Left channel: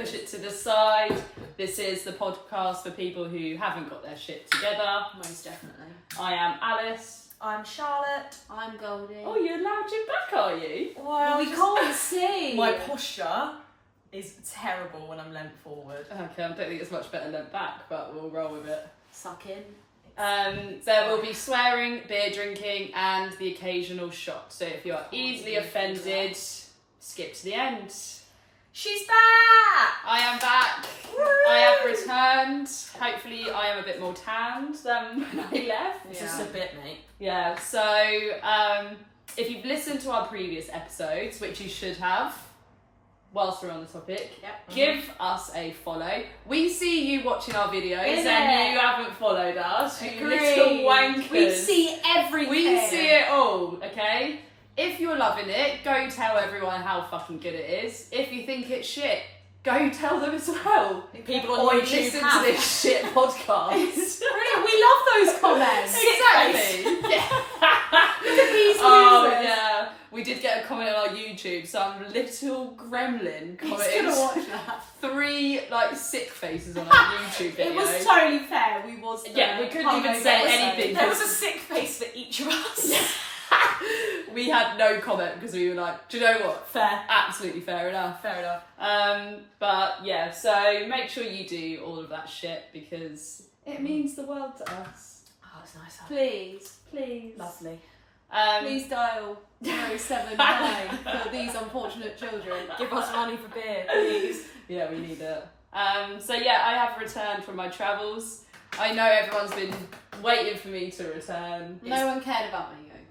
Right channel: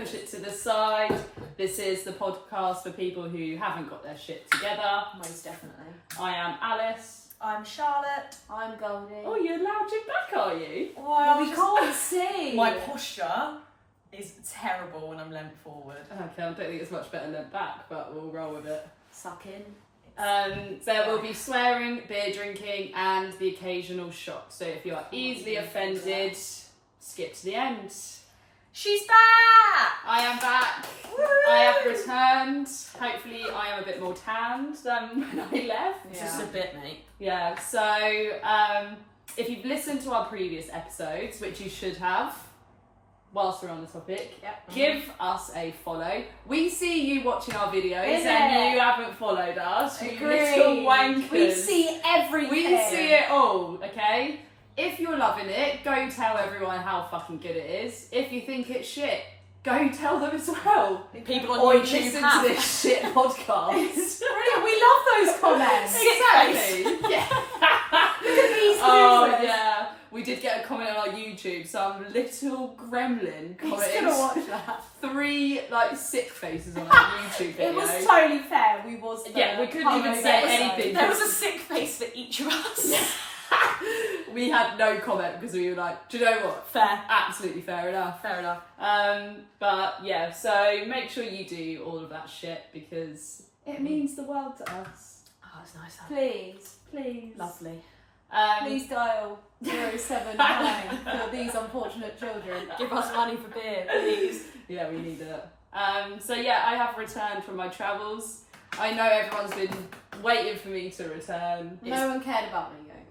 push it to the side. This is the podcast for people who haven't got their shit together. Most definitely. I am Alice. I'm Charlotte. I'm Goldie. Oh, you're lounging back, are you? Well, we can't see. My posture is terrible when I'm leant forward. Okay, I don't think it's much better leant back, but we'll roll with it. Suck in. There will be swearing, beer drinking, and the occasional shot. So if you are easily offended, skip to the end. She's back! I am back. Woo! I have returned. Hopefully I am a bit more tanned than when I left. Just a bit, mate. Yeah, so if you've listened to our previous episodes, which you should have, whilst we're on the topic, give us a follow. We see you watching our videos and you haven't followed us. You little wankers. We see everything. We see it all, okay? If you're loving it, go tell everyone how fucking good it is. If you think it's shit, go tell them as well. People on or YouTube listen have. to this shit podcast. Brilliant. We love those comments. Exactly. Yeah. Look at these Oh losers. yeah. We did get a comment on our YouTube. Some little gremlin He's commented gonna watch that. 3 like sick faces on our YouTube video. It was totally fair. We was. Yeah, we couldn't even say anything. There was a sick face for each of us. We had no comment because we were like, do you know what? Fair. Absolutely fair enough. Fair enough. But yeah, so make sure you do all of that shit because it means the world to us. Oh, it's nice. Please. Lovely. Please dial 079 for these unfortunate children. Give us money for beer, please. Yeah, we need it. So yeah, I have returned from my travels. I know everyone's been waiting for me to return. No one cared about me going away.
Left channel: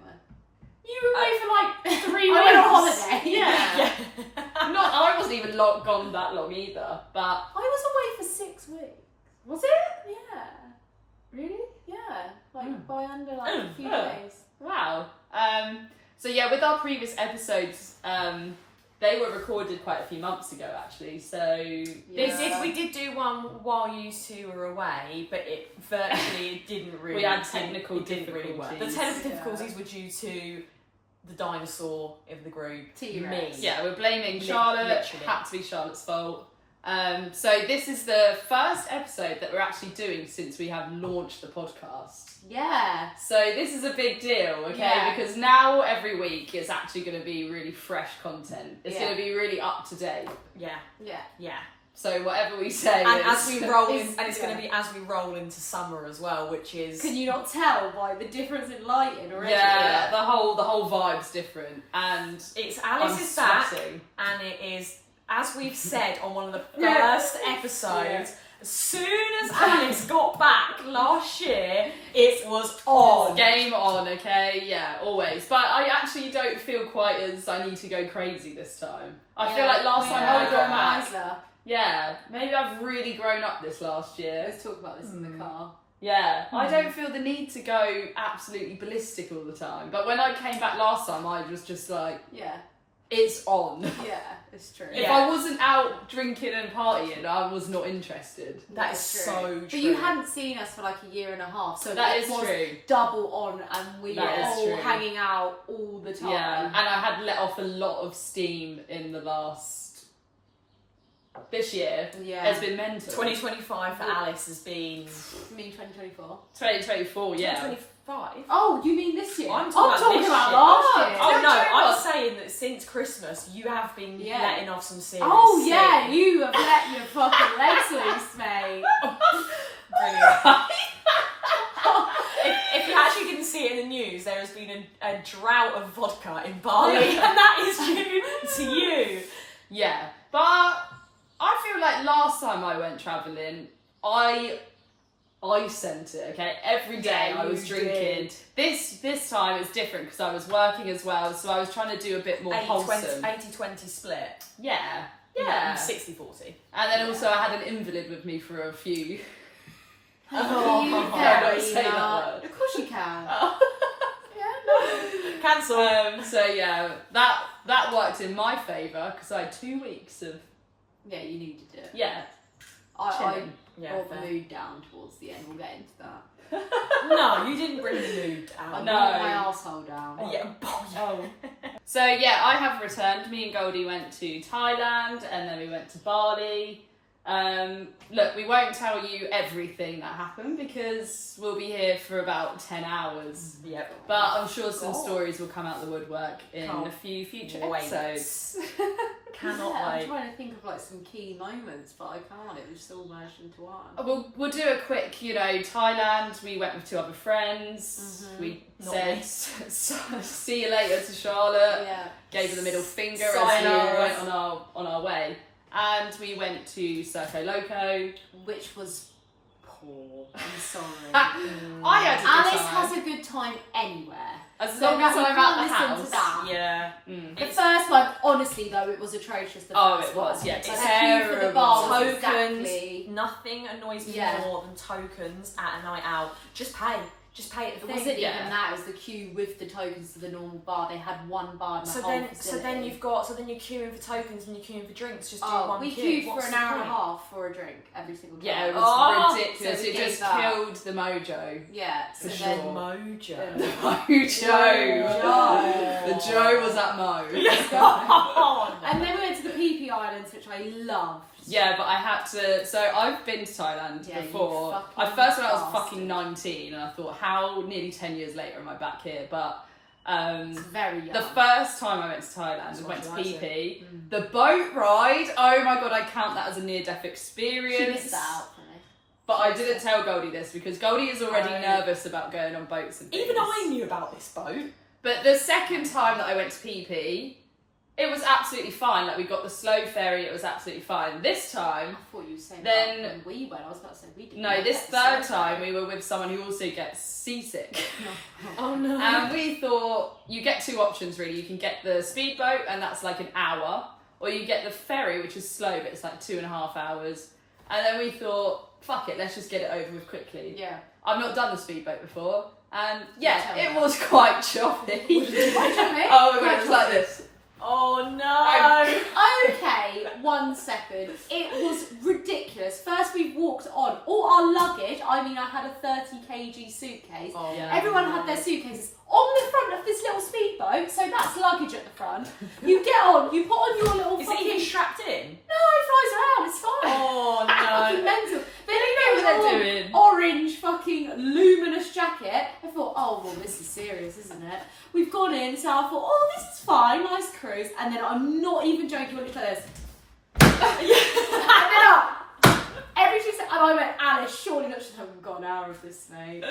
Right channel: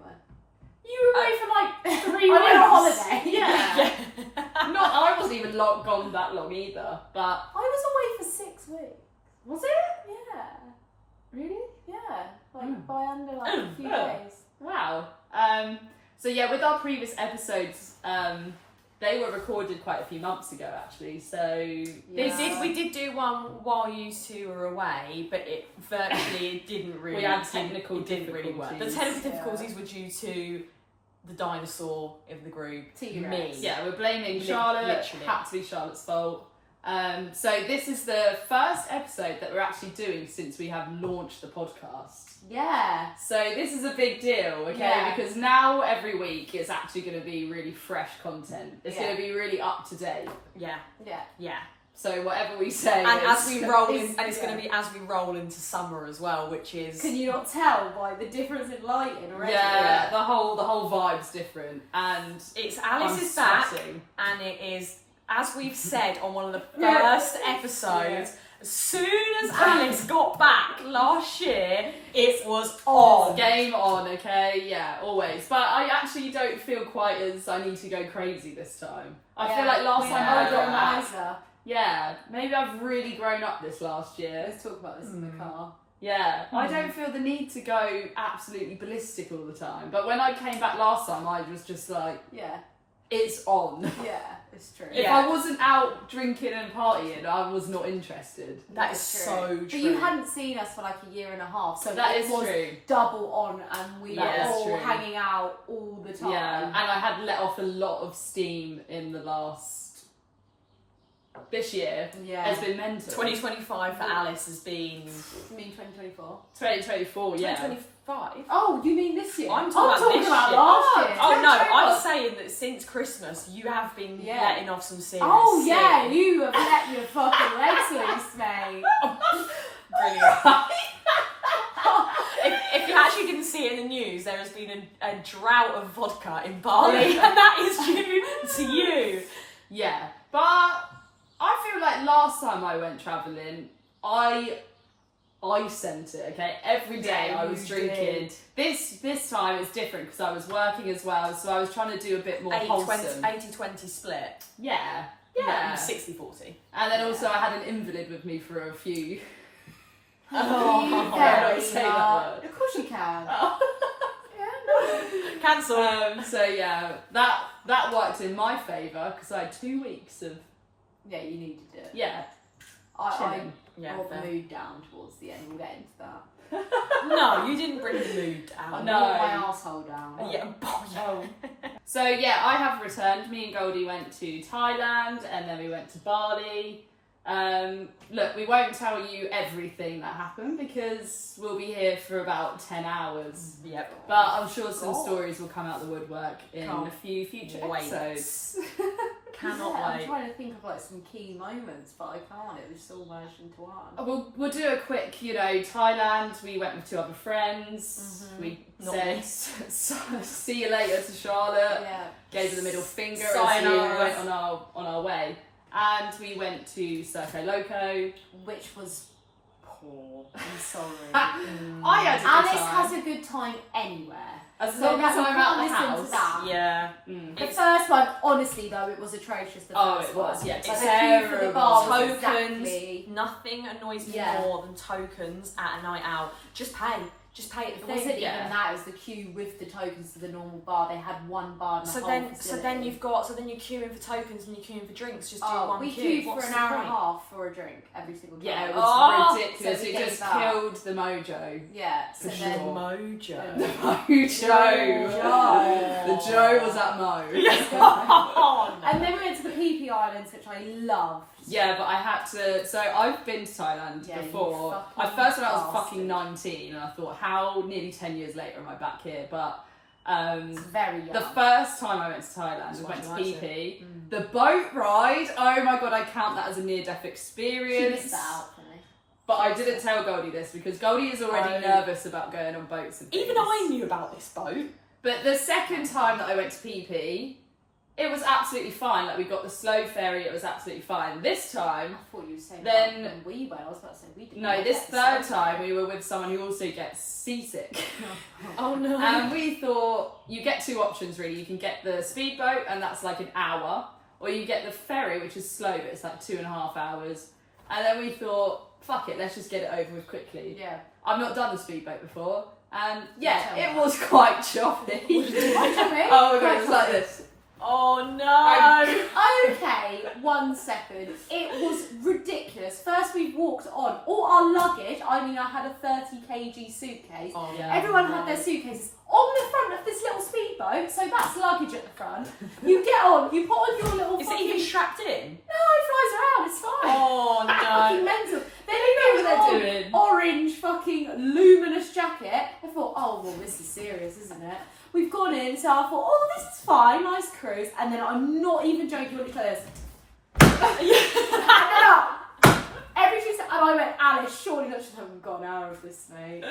You were away for like 3 weeks. I went on holiday. Yeah. I wasn't even gone that long either, but... I was away for 6 weeks. Was it? Yeah. Really? Yeah. Like by under like a few days. Wow. So yeah, with our previous episodes, they were recorded quite a few months ago actually, so... We did do one while you two were away, but it didn't really... We had technical it didn't really work. The difficulties. technical difficulties were due to the dinosaur in the group, T-Rex. me. Yeah, we're blaming Charlotte. literally. Had to be Charlotte's fault. So this is the first episode that we're actually doing since we have launched the podcast. Yeah. So this is a big deal, okay? Yeah. Because now every week it's actually going to be really fresh content. It's Yeah. going to be really up to date. Yeah. Yeah. Yeah. So whatever we say, And as we roll in, It's- and it's going to be as we roll into summer as well, which is... Can you not tell by the difference in lighting already? yeah, the whole vibe's different, and It's I'm Alice's back, sweating. and it is, as we've said on one of the Yeah. first episodes, as soon as Alice got back last year, it was on. Game on, okay? Yeah, always. But I actually don't feel quite as I need to go crazy this time. I feel like last time I got back. Yeah, maybe I've really grown up this last year. Let's talk about this in the car. Yeah, I don't feel the need to go absolutely ballistic all the time. But when I came back last time, I was just like, Yeah. it's on. Yeah, it's true. If Yeah. I wasn't out drinking and partying, I was not interested. That is That's so But true. you hadn't seen us for like a year and a half, so That it is was true. double on, and we That were is all true. hanging out all the time. Yeah, and I had let off a lot of steam in the last... This year Yeah. has been mental. 2025 for Alice has been... You mean 2024? 2024, yeah. 2025? Oh, you mean this year? I'm talking about this year. last year. Oh no, I'm what? saying that since Christmas you have been Yeah. letting off some serious Oh yeah, steam. you have let your fucking legs loose, mate. Brilliant. if you actually didn't see it in the news, there has been a drought of vodka in Bali, and that is due to you. Yeah, but I feel like last time I went travelling, I sent it, okay? Every day Yeah, I was you drinking. This time it's different because I was working as well, so I was trying to do a bit more wholesome. 80-20 split. Yeah. No, Yeah. 60-40. And then also I had an invalid with me for a few... Oh, you yeah, can't you say that not. word. Of course you can. Cancel. So yeah, that worked in my favour because I had 2 weeks of... Yeah, you needed it. Yeah. I Chilling. Yeah, brought fair. the mood down towards the end. We'll get into that. No, you didn't bring the mood down. No. Not my arsehole down. Yeah. Oh. So yeah, I have returned. Me and Goldie went to Thailand and then we went to Bali. Look, we won't tell you everything that happened because we'll be here for about 10 hours. Yep. But I'm sure some stories will come out the woodwork in Can't a few future wait. episodes. Cannot I'm wait. trying to think of like some key moments, but I can't. It was just all merged into one. We'll do a quick, Thailand. We went with 2 other friends. We Not said me. see you later to Charlotte. Yeah. Gave her the middle finger as Sayonara. we went on our way. And we went to Circo Loco. Which was poor. I'm sorry. I had a good Alice time. has a good time anywhere. As So long as that I'm we out the can't listen house. to that. Yeah. The first one, honestly though, it was atrocious. The Oh, first it was, one. yeah, Like, the queue for terrible. the bar was Tokens. exactly. Nothing annoys me Yeah. more than tokens at a night out. Just pay. Just pay at the It thing. wasn't Yeah. even that. It was the queue with the tokens to the normal bar. They had one bar in the So whole then facility. you're queuing for tokens and you're queuing for drinks. Just do one we queue. queued What's for the an hour and point? a half for a drink every single time. Yeah, it was Oh, ridiculous. so we It just gave up. killed the mojo. Yeah, so For then sure. Mojo. The mojo. Mojo. The Joe was at Mo. Oh, no. And then we went to the PP Islands, which I loved. Yeah, but I had to. So I've been to Thailand Yeah, you before. fucking First when I was bastard. fucking 19, and I thought, how nearly 10 years later am I back here? But It's very young. the first time I went to Thailand, we why went she to likes PP. The boat ride. Oh my god, I count that as a near-death experience. She missed that out for me. But I didn't tell Goldie this because Goldie is already Oh. nervous about going on boats and things. Even I knew about this boat. But the second time that I went to PP, it was absolutely fine. Like, we got the slow ferry, it was absolutely fine. This time, I thought you were saying Then- that when we went. I was about to say we didn't. no, get this the third slow time ferry. we were with someone who also gets seasick. Oh no. And we thought, you get 2 options really. You can get the speedboat, and that's like an hour, or you get the ferry, which is slow, but it's like 2.5 hours. And then we thought, fuck it, let's just get it over with quickly. Yeah. I've not done the speedboat before, and Tell yeah, me it about was quite choppy. Oh my god, it was like this. Oh no. Okay, 1 second. It was ridiculous. First we walked on. All our luggage, I mean I had a 30 kg suitcase. Oh, Yeah. Everyone had their suitcases on the front of this little speedboat, so that's luggage at the front. You get on, you put on your little Is it fucking... even strapped in? No, it flies around, it's fine. Oh Fucking no. mental. Then they know what they're on doing. orange fucking luminous jacket. I thought, oh well, this is serious, isn't it? We've gone in, so I thought, oh, this is fine, nice cruise. And then I'm not even joking, I looked like this. And then up. Every 2 seconds, and I went, Alice, surely not. She's like, we've got an hour of this, mate.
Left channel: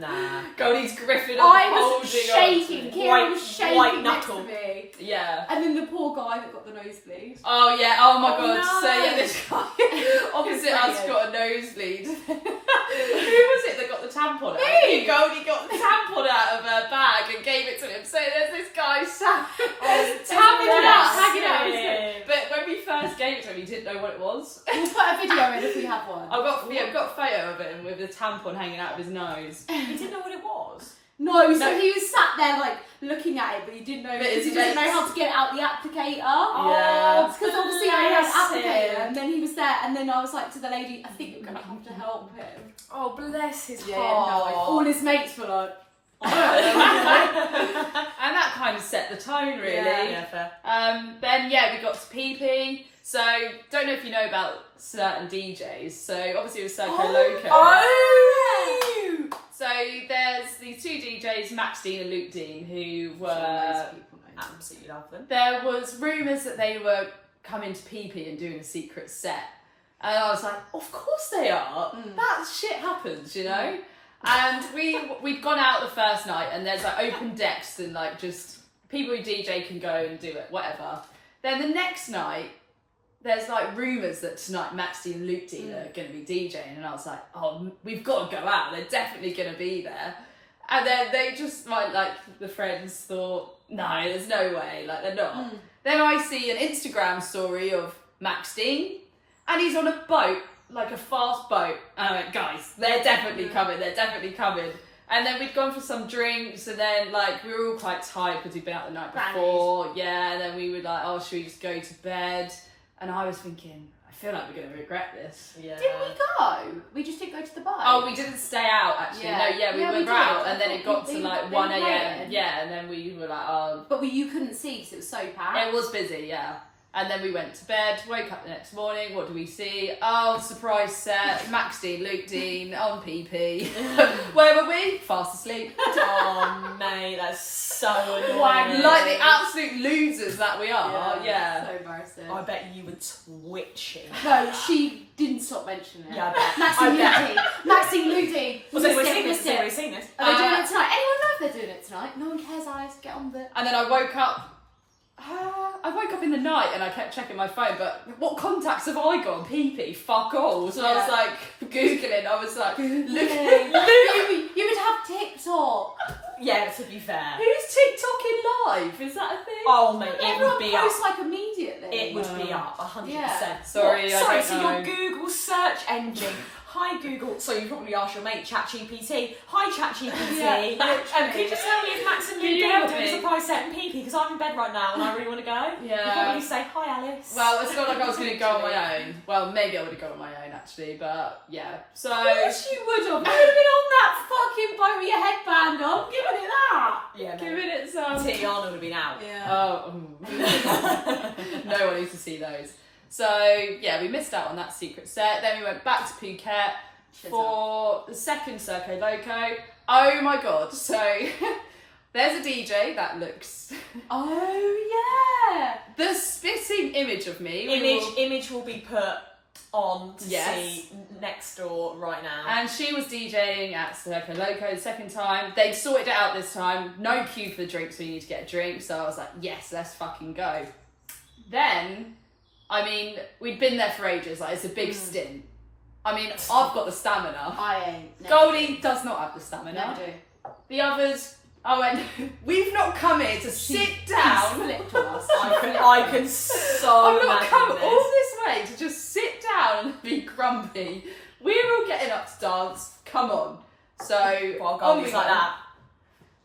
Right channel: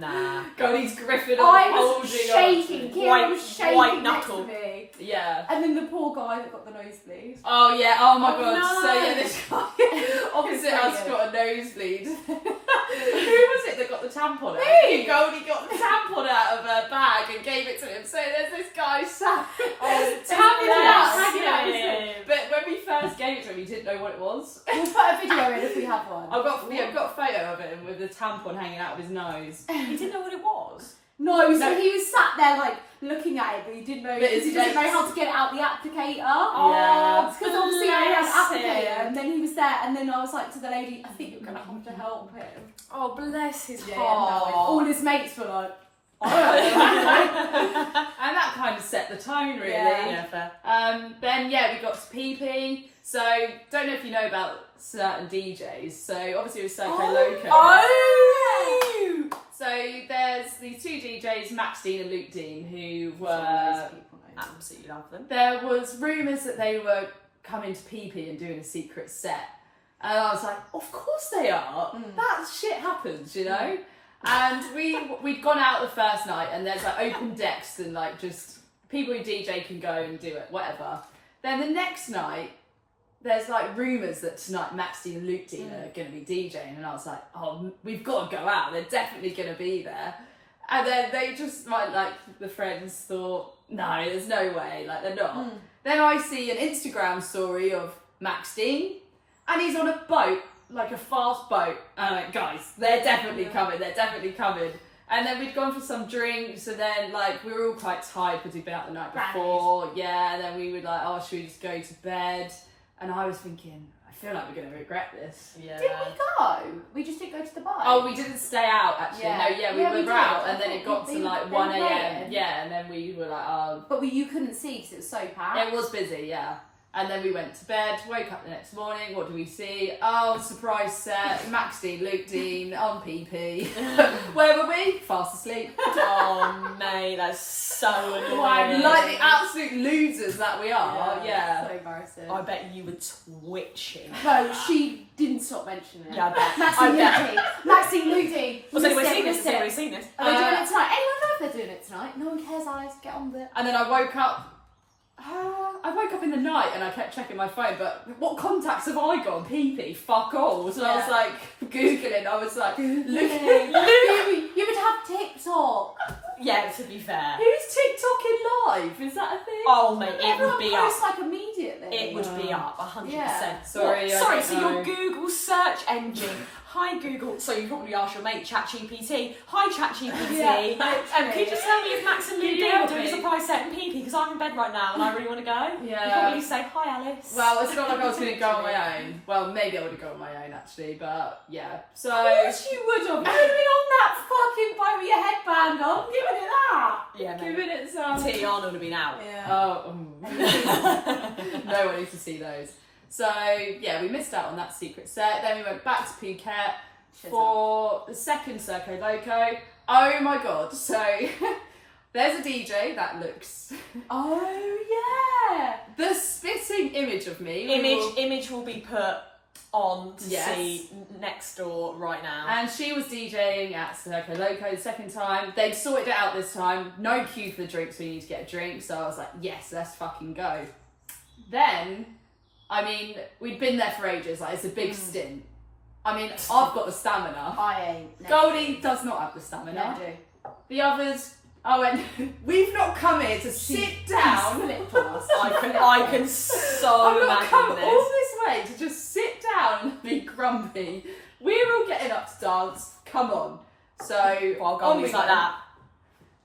Nah. Goldie's griffin I holding was on. shaking. Kira was shaking white next knuckle. to me. Yeah. And then the poor guy that got the nosebleed. Oh yeah, oh my Oh, god. no. So yeah, this guy opposite us Brilliant. got a nosebleed. Who was it that got the tampon out? Me. Goldie got the tampon out of her bag and gave it to him. So there's this guy sat tapping it out, hanging out his head. But when we first gave it to him, he didn't know what it was. We'll put a video in if we have one. I've got a photo of him with the tampon hanging out of his nose. You didn't know what it was? No, so No. he was sat there like looking at it, but he didn't know But because he his didn't know mates- how to get it out the applicator. Yeah. Because obviously I had an Bless applicator, him. and then he was there, and then I was like to the lady, I think you're gonna have to help him. Oh, bless his Yeah, heart. no, all his mates were like, And that kind of set the tone, really. Yeah. fair. Then yeah, we got to PP. So don't know if you know about certain DJs. So obviously it was Circo Loco. Oh! So there's these 2 DJs, Max Dean and Luke Dean, who loads were. of people know. Absolutely love them. There was rumours that they were coming to PP and doing a secret set, and I was like, of course they are. That shit happens, you know. And we'd gone out the first night, and there's like open decks and like just people who DJ can go and do it, whatever. Then the next night, there's like rumours that tonight Max Dean and Luke Dean are going to be DJing, and I was like, oh, we've got to go out. They're definitely going to be there. And then they just like the friends thought, no, there's no way, like they're not. Then I see an Instagram story of Max Dean, and he's on a boat, like a fast boat. And I went, guys, they're definitely coming, they're definitely coming. And then we'd gone for some drinks, and then like we were all quite tired because we'd been out the night before. Yeah, and then we were like, oh, should we just go to bed? And I was thinking, I feel like we're going to regret this. Yeah. Did we go? We just didn't go to the bar. Oh, we didn't stay out actually. Yeah. No, we Yeah, we were out, did. and then it got to They- like they 1 were a.m. waiting. Yeah, and then we were like, oh. But you couldn't see because it was so packed. It was busy, yeah. And then we went to bed, woke up the next morning, what do we see? Oh, surprise set, Max Dean, Luke Dean, on PP. Where were we? Fast asleep. Oh, mate, that's so annoying. Like the absolute losers that we are, yeah. So embarrassing. I bet you were twitching. No, she didn't stop mentioning it. Yeah, I bet. Maxine Ludi. Maxine Ludi. Has anyone seen this? Missed Has anyone it. seen this? Are they doing it tonight? Anyone know if they're doing it tonight? No one cares, Alice. Get on with it. And then I woke up. I woke up in the night and I kept checking my phone, but what contacts have I got? PP, fuck all. So I was like Googling, I was like, you would have TikTok. Yeah, to be fair. who's TikToking live? Is that a thing? Oh, mate, it Everyone would be up. posts like immediately. It would be up 100%. Yeah. Sorry, I Sorry, don't so know. your Google search engine. Hi Google. So you probably asked your mate ChatGPT. Hi ChatGPT. Yeah, Can you just tell me if Max and Can you Luke help are doing a me? surprise set in PP? Because I'm in bed right now and I really want to go. You probably say hi Alice. Well, it's not like I was going to go on my own. Well, maybe I would have gone on my own actually, but yeah. So. Of course you would have. You would have been on that fucking boat with your headband on, giving it that. yeah, Giving it some. Tiana would have been out. Oh, no one needs to see those. So yeah, we missed out on that secret set. Then we went back to Phuket for the second Circo Loco. Oh my god! So there's a DJ that looks Oh yeah. the spitting image of me. Image will be put on to Yes. see next door right now. And she was DJing at Circo Loco the second time. They'd sorted it out this time. No queue for the drinks, so you need to get a drink. So I was like, yes, let's fucking go. Then, I mean, we'd been there for ages. Like, it's a big stint. I mean, I've got the stamina. I ain't. No. Goldie does not have the stamina. No, do. The others, I went, we've not come here to sit down. Flipped on us. I can so I've not imagine come this. all this way to just sit down and be grumpy. We're all getting up to dance. Come on. So Well, on Goldie's we like go. that.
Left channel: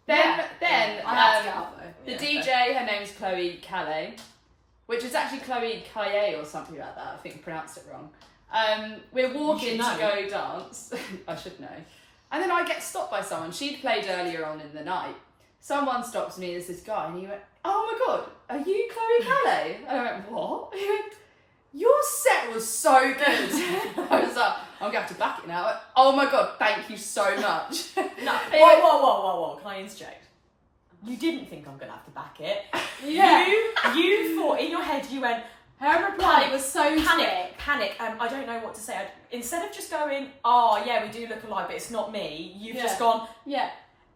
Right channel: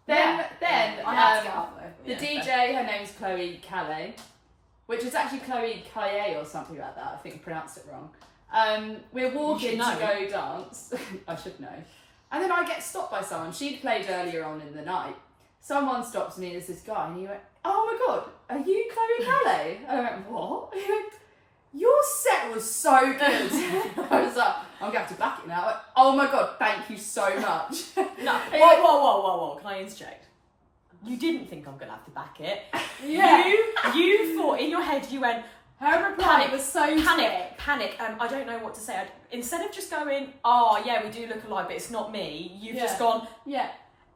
Then I had to get out though. the Yeah, DJ, her name's Chloe Calais, which is actually Chloe Calais or something like that. I think I pronounced it wrong. We're walking You should to go dance. I should know. And then I get stopped by someone. She'd played earlier on in the night. Someone stops me and there's this guy and he went, oh my god, are you Chloe Calais? And I went, what? He went, your set was so good. I was like, I'm going to have to back it now. I went, oh my god, thank you so much. No. He Whoa, went, whoa. Can I interject? You didn't think I'm gonna have to back it. Yeah. You thought in your head you went Her reply was so panic. quick. I don't know what to say. Instead of just going, oh yeah, we do look alike, but it's not me. You've just gone, Yeah.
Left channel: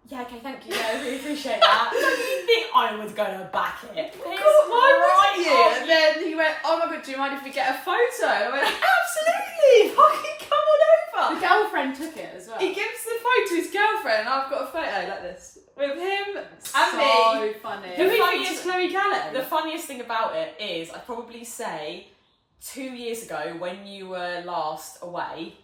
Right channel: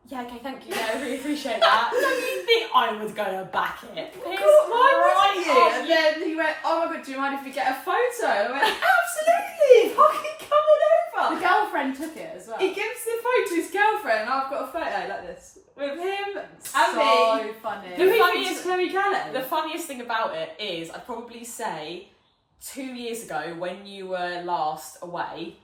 yeah, okay, thank you. Yeah, I really appreciate that. You think I was gonna back it? Why would you? And then he went, oh my god, do you mind if we get a photo? And I went, absolutely, fucking come on The over. girlfriend took it as well. He gives the photo to his girlfriend, and I've got a photo like this with him and so me. funny. Who The he funniest- thinks is Chloe Callan? The funniest thing about it is, I'd probably say 2 years ago when you were last away,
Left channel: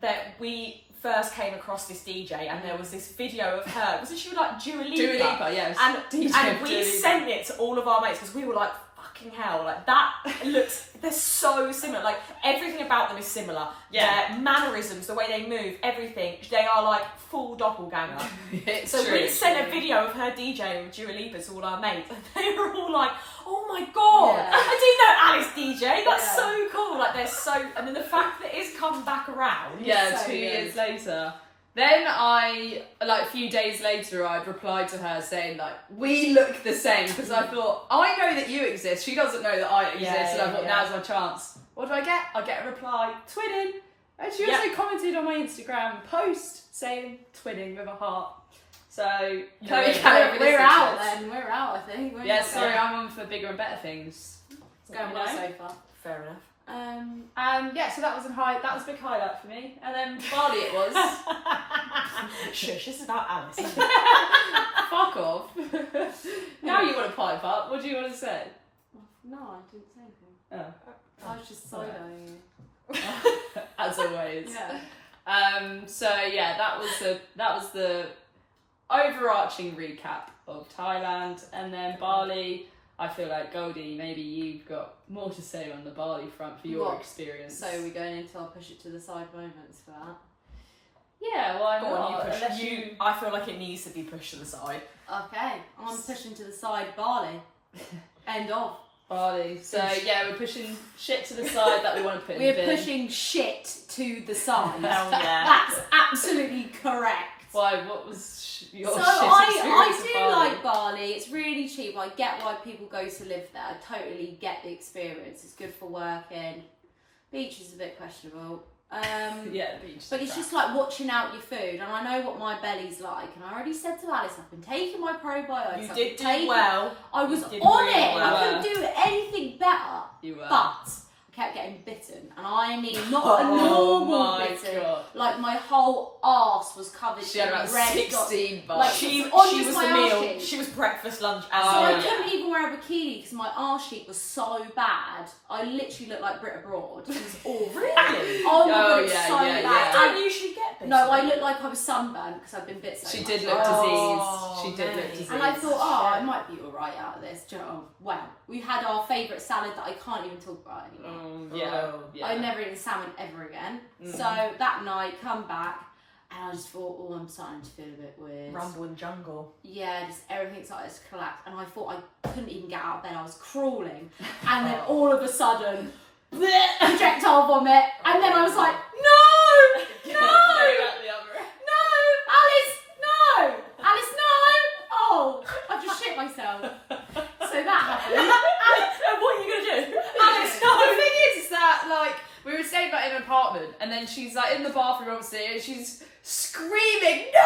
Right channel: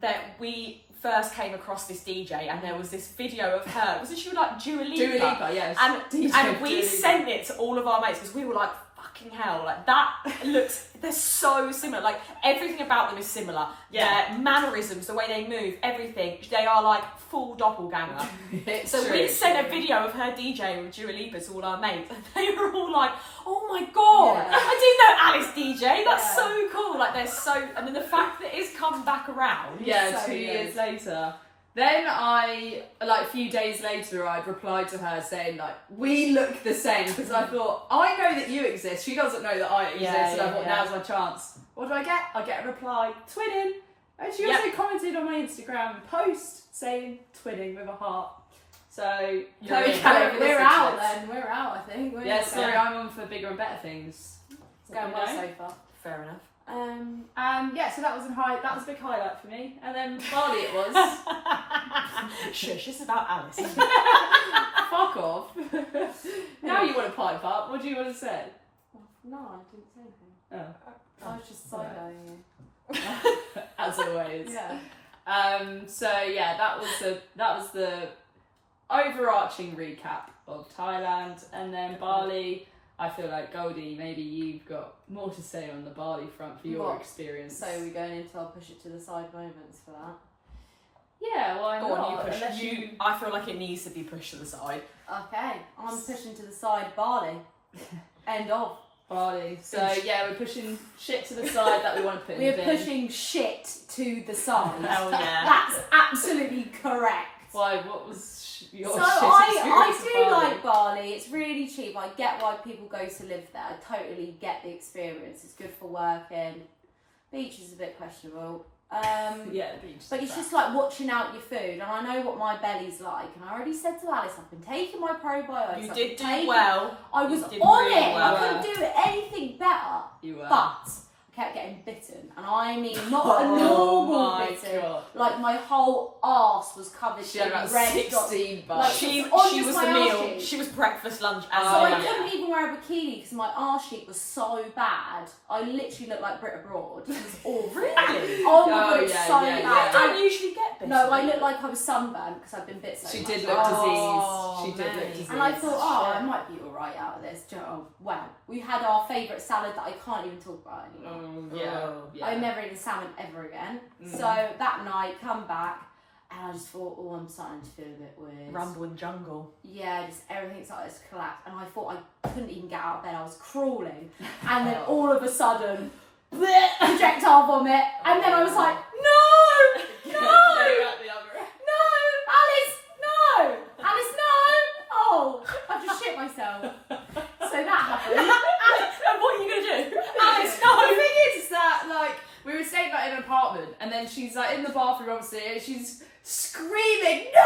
that we first came across this DJ and there was this video of her. Wasn't she like Dua Lipa? Dua Lipa, yes. And DJ we Dua Lipa. sent it to all of our mates because we were like, fucking hell, like that looks, they're so similar. Like everything about them is similar. Yeah. Their mannerisms, the way they move, everything, they are like full doppelganger. It's So true. we sent a video of her DJing with Dua Lipa to all our mates, and they were all like, "Oh my god, Yeah. I didn't know Alice DJ. That's Yeah. so cool!" Like they're so, and then the fact that it's come back around. Yeah, So 2 good. years later. Then I, like a few days later, I'd replied to her saying like, we look the same, because I thought, I know that you exist, she doesn't know that I exist, Yeah, and I yeah, thought, yeah. now's my chance. What do I get? I get a reply, twinning. And she Yep. also commented on my Instagram post saying twinning with a heart. So, You're Chloe in. Callan, We're listen to out this. then. We're out, I think. We're Yeah, sorry, I'm on for bigger and better things. It's going well so far. Fair enough. Yeah, so that was a big highlight for me. And then Bali it was. Shush, this is about Alice. Fuck off. Now you want to pipe up. What do you want to say? No, I didn't say anything. Oh, I was just side-eyeing you. as always. Yeah. So yeah, that was the overarching recap of Thailand, and then Bali. I feel like Goldie, maybe you've got more to say on the Bali front for your experience. So we're going into our push it to the side moments for that. Yeah, why Go not? on, you push. I feel like it needs to be pushed to the side. Okay, I'm pushing to the side Bali. End of. Bali. So yeah, we're pushing shit to the side that we want to put in the We're bin. pushing shit to the side. Hell yeah. That's absolutely correct. Why? What was your So shit I experience of do Bali? like Bali. It's really cheap. I get why people go to live there. I totally get the experience. It's good for working. Beach is a bit questionable. Yeah, the beach. But it's just like watching out your food, and I know what my belly's like. And I already said to Alice, I've been taking my probiotics. You I've did been do taking- well. I was You on did it. really I well. couldn't do anything better. You were. But I kept getting bitten, and I mean not a Oh normal my bitten. God. Like my whole arse was covered She in had about red 16 dots. bucks. Like, She on was just the my meal. arse cheek. She was breakfast, lunch, and So Oh, I dinner. yeah. couldn't even wear a bikini because my arse cheek was so bad. I literally looked like Brit Abroad. It was awful. Really? Oh my Oh, god, it's yeah, so yeah, bad. yeah. I don't usually get bitten. No, I looked like I was sunburned because I've been bit so She much. did look Oh, diseased. She did look mate. diseased. And I thought, oh, I Shit. might be alright out of this. Do you know, oh, wow. We had our favourite salad that I can't even talk about anymore. Yeah. I've never eaten salmon ever again. Mm. So that night, come back, and I just thought, oh, I'm starting to feel a bit weird. Rumble in jungle. Yeah, just everything started to collapse, and I thought I couldn't even get out of bed. I was crawling, and then Oh. all of a sudden, bleh, projectile vomit, and then I was like, no, no, no, Alice, no, Alice, no. Oh, I just shit myself. So that happened. And what are you gonna do? Alice, no. The thing is that, like, we were staying like in an apartment, and then she's like in the bathroom, obviously, and she's screaming, "No!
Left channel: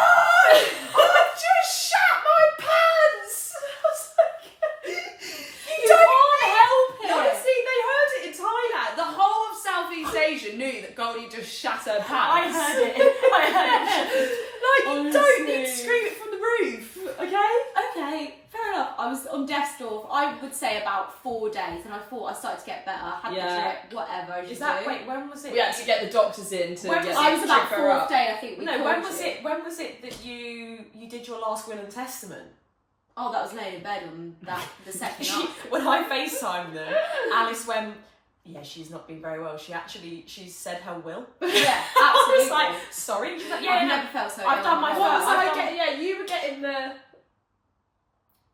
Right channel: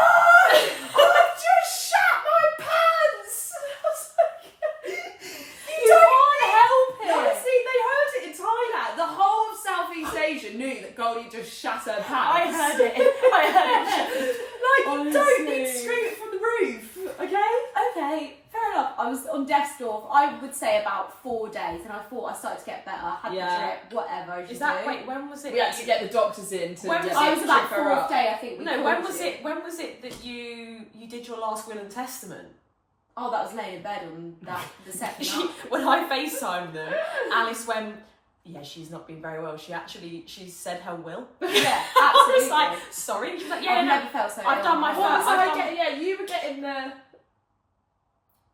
I've just shat my pants!" I was like, You can't help it. Honestly, they heard it in Thailand. The whole of Southeast Asia knew that Goldie just shat her pants. I heard it. I heard it. Like, you don't need to Honestly. scream it from the roof, okay? Okay, fair enough. I was on death's door for, I would say, about 4 days, and I thought I started to get better. Had Yeah. the drip, whatever. as you Is that do. wait? When was it? We had to get the doctors in to When get was I was the about trip her 4th up. day, I think. No, when was it? When was it that you did your last will and testament? Oh, that was laying in bed on that the second She, night. when I FaceTimed them, Alice went, yeah, she's not been very well. She said her will. Yeah, I absolutely. was like, sorry. She's like, yeah, I've no, never felt so I've ill. done my What was I've I done- getting? Yeah, you were getting the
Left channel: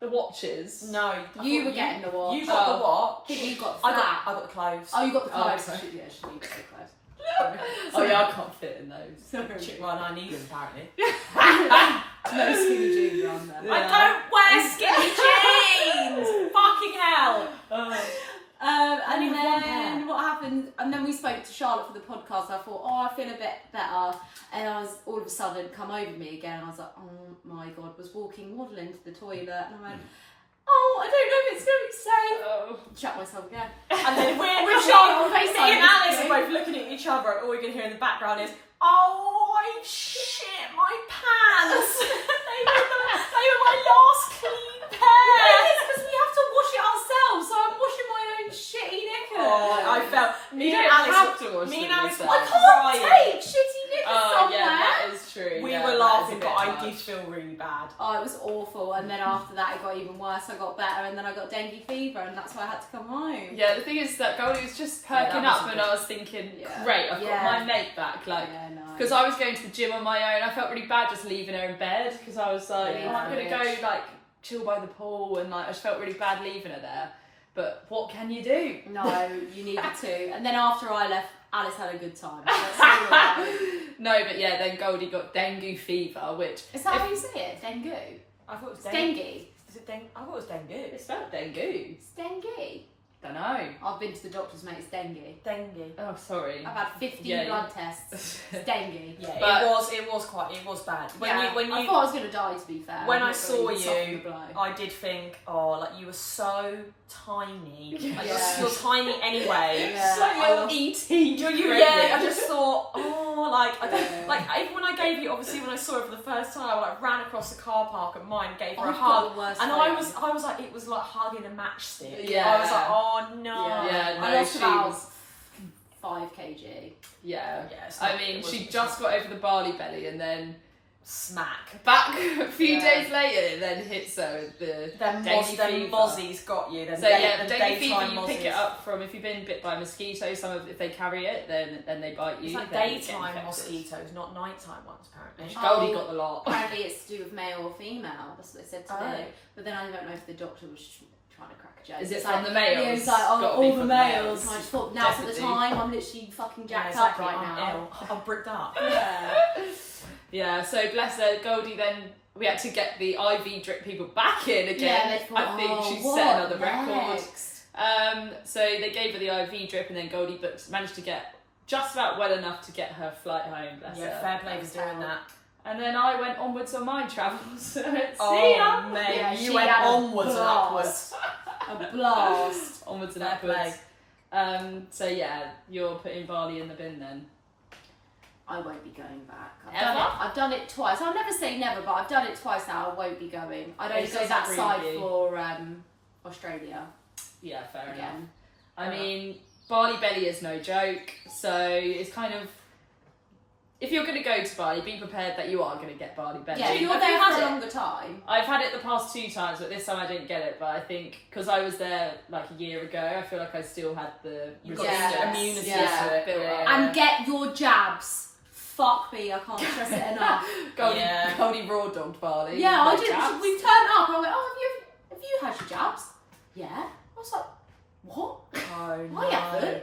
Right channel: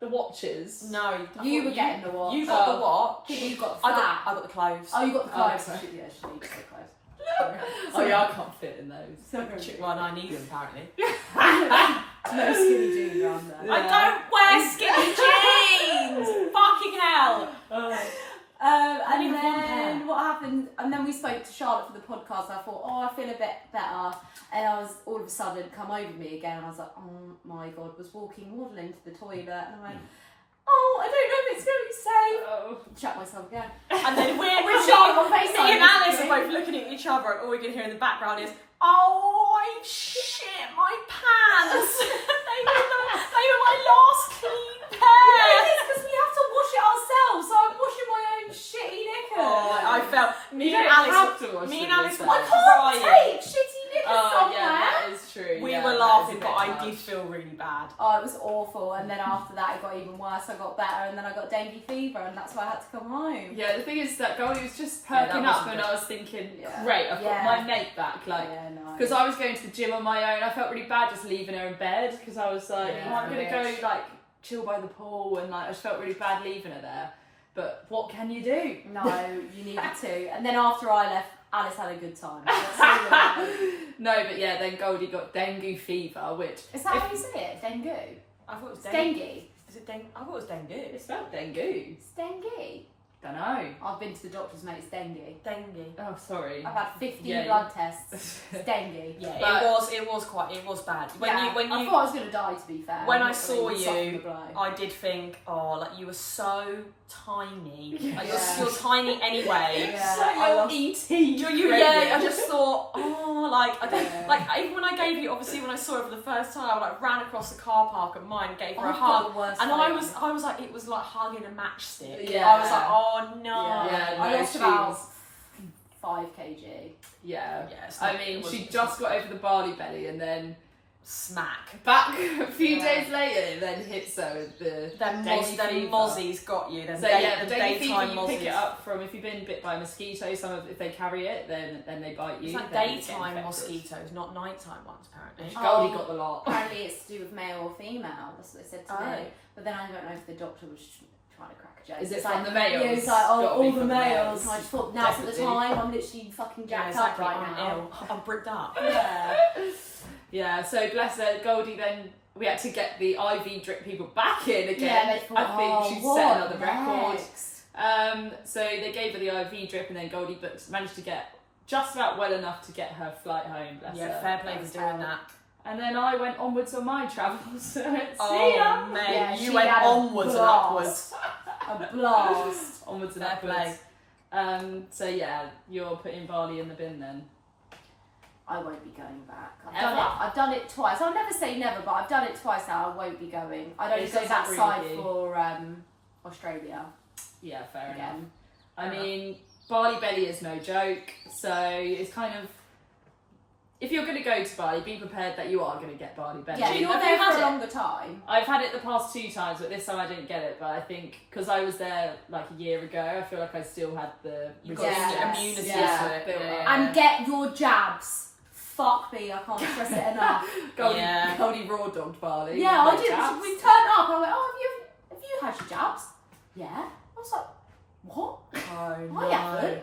watches. No, I You thought were getting the watch. You got Oh. the watch. I think you got I that. got the clothes. Oh, you got the Oh, clothes. okay. Yeah, she needs the clothes. Oh yeah, I can't fit in those. Sorry. Well, I need them apparently. No skinny jeans around there. Yeah. I don't wear skinny jeans. Fucking hell. And Only with one then pair. what happened? And then we spoke to Charlotte for the podcast. I thought, oh, I feel a bit better. And I was all of a sudden come over me again. And I was like, oh my god, was walking, waddling to the toilet, and I went, oh, I don't know if it's going to be safe. Oh. Shut myself again. And then With me Charlotte on FaceTime, and Alice are basically. both looking at each other, and all we can hear in the background is, "Oh, I shit my pants." they were my last clean pair. Because we have to wash it ourselves, so I'm washing my own shitty knickers. Oh, I felt me You and don't Alice. have to wash Me them and Alice yourself. were I can't crying. take shitty knickers Oh somewhere. yeah, that is true. We yeah, were that laughing, is a but bit I much. did feel really bad. Oh, it was awful. And then after that, it got even worse. I got better, and then I got dengue fever, and that's why I had to come home. Yeah, the thing is that Goldie was just Yeah, perking that up, wasn't and good. I was thinking, Yeah. great, I've Yeah. got my mate back. Like, Yeah, no. because I was going to the gym on my own, I felt really bad just leaving her in bed because I was like, Yeah, oh, I'm gonna bitch. go like chill by the pool, and like I just felt really bad leaving her there. But what can you do? No, you needed to. And then after I left, Alice had a good time. That's all I know. No, but yeah, then Goldie got dengue fever, which Is that how you say it? Dengue? I thought it was It's dengue. dengue. Is it dengue? I thought it was dengue. it's spelled dengue. It's dengue. Don't know. I've been to the doctor's, mate. It's dengue. Dengue. Oh, sorry. I've had 15 Yeah. blood tests. It's dengue. Yeah, But- it was bad. When Yeah, you I thought I was going to die, to be fair. when I'm I not saw gonna soften you, the blow. I did think, oh, like you were so tiny. Like, Yeah. you're tiny anyway. Yeah, So I you're lost- eating. Yeah, I just thought, oh, like I don't Yeah. like even when I gave you, obviously when I saw her for the first time, I like ran across the car park at mine, gave her a I've got hug, the worst and phobia. I was like, it was like hugging a matchstick. Yeah. I was like, oh no. Yeah, I no, lost she about was- 5 kg. Yeah. Yeah, it's I not- mean, it she wasn't- just got over the Bali belly, and then smack. Back a few days later, it then hits her with the Them dengue fever. mozzies got you. Them So yeah, the them dengue fever daytime you pick mozzies. it up from if you've been bit by a mosquito. If they carry it, then they bite you. It's like then you get daytime infected. mosquitoes, not nighttime ones, apparently. Goldie got the lot. Apparently it's to do with male or female. That's what they said today. Oh. But then I don't know if the doctor was trying to crack a joke. Is it It's from like, the males? Yeah, it's like, Gotta oh, be all from the the males. males. And I just thought, now's at the Definitely. time. I'm literally fucking Yeah, jacked it's like, up right I'm now. ill. I'm bricked up. Yeah. Yeah, so bless her, Goldie then, we had to get the IV drip people back in again. Yeah, they thought, I think she what set another record. next? So they gave her the IV drip and then Goldie managed to get just about well enough to get her flight home, bless Yeah, her. fair play for doing that. And then I went onwards on my travels. So see Oh, ya. mate, Yeah, you she went had a onwards and blast. upwards. A blast. Onwards and Fair upwards. play. So yeah, you're putting Bali in the bin then. I won't be going back. Ever? I've done it twice. I'll never say never, but I've done it twice now. I won't be going. I'd only It go doesn't that really side do. for Australia Yeah, fair enough. again. I mean, Bali belly is no joke, so it's kind of, if you're going to go to Bali, be prepared that you are going to get Bali belly. Yeah, Do you you're have there you had for a it? longer time. I've had it the past 2 times, but this time I didn't get it. But I think because I was there like a year ago, I feel like I still had the You've got Yes, immunity yeah. to it. Built up. And get your jabs. Fuck me, I can't stress it enough. Goldie, Yeah. Goldie raw dogged Bali. Yeah, no I did. jabs. We turned up and I went, oh, have you had your jabs? Yeah. I was like, what? Oh no. I haven't.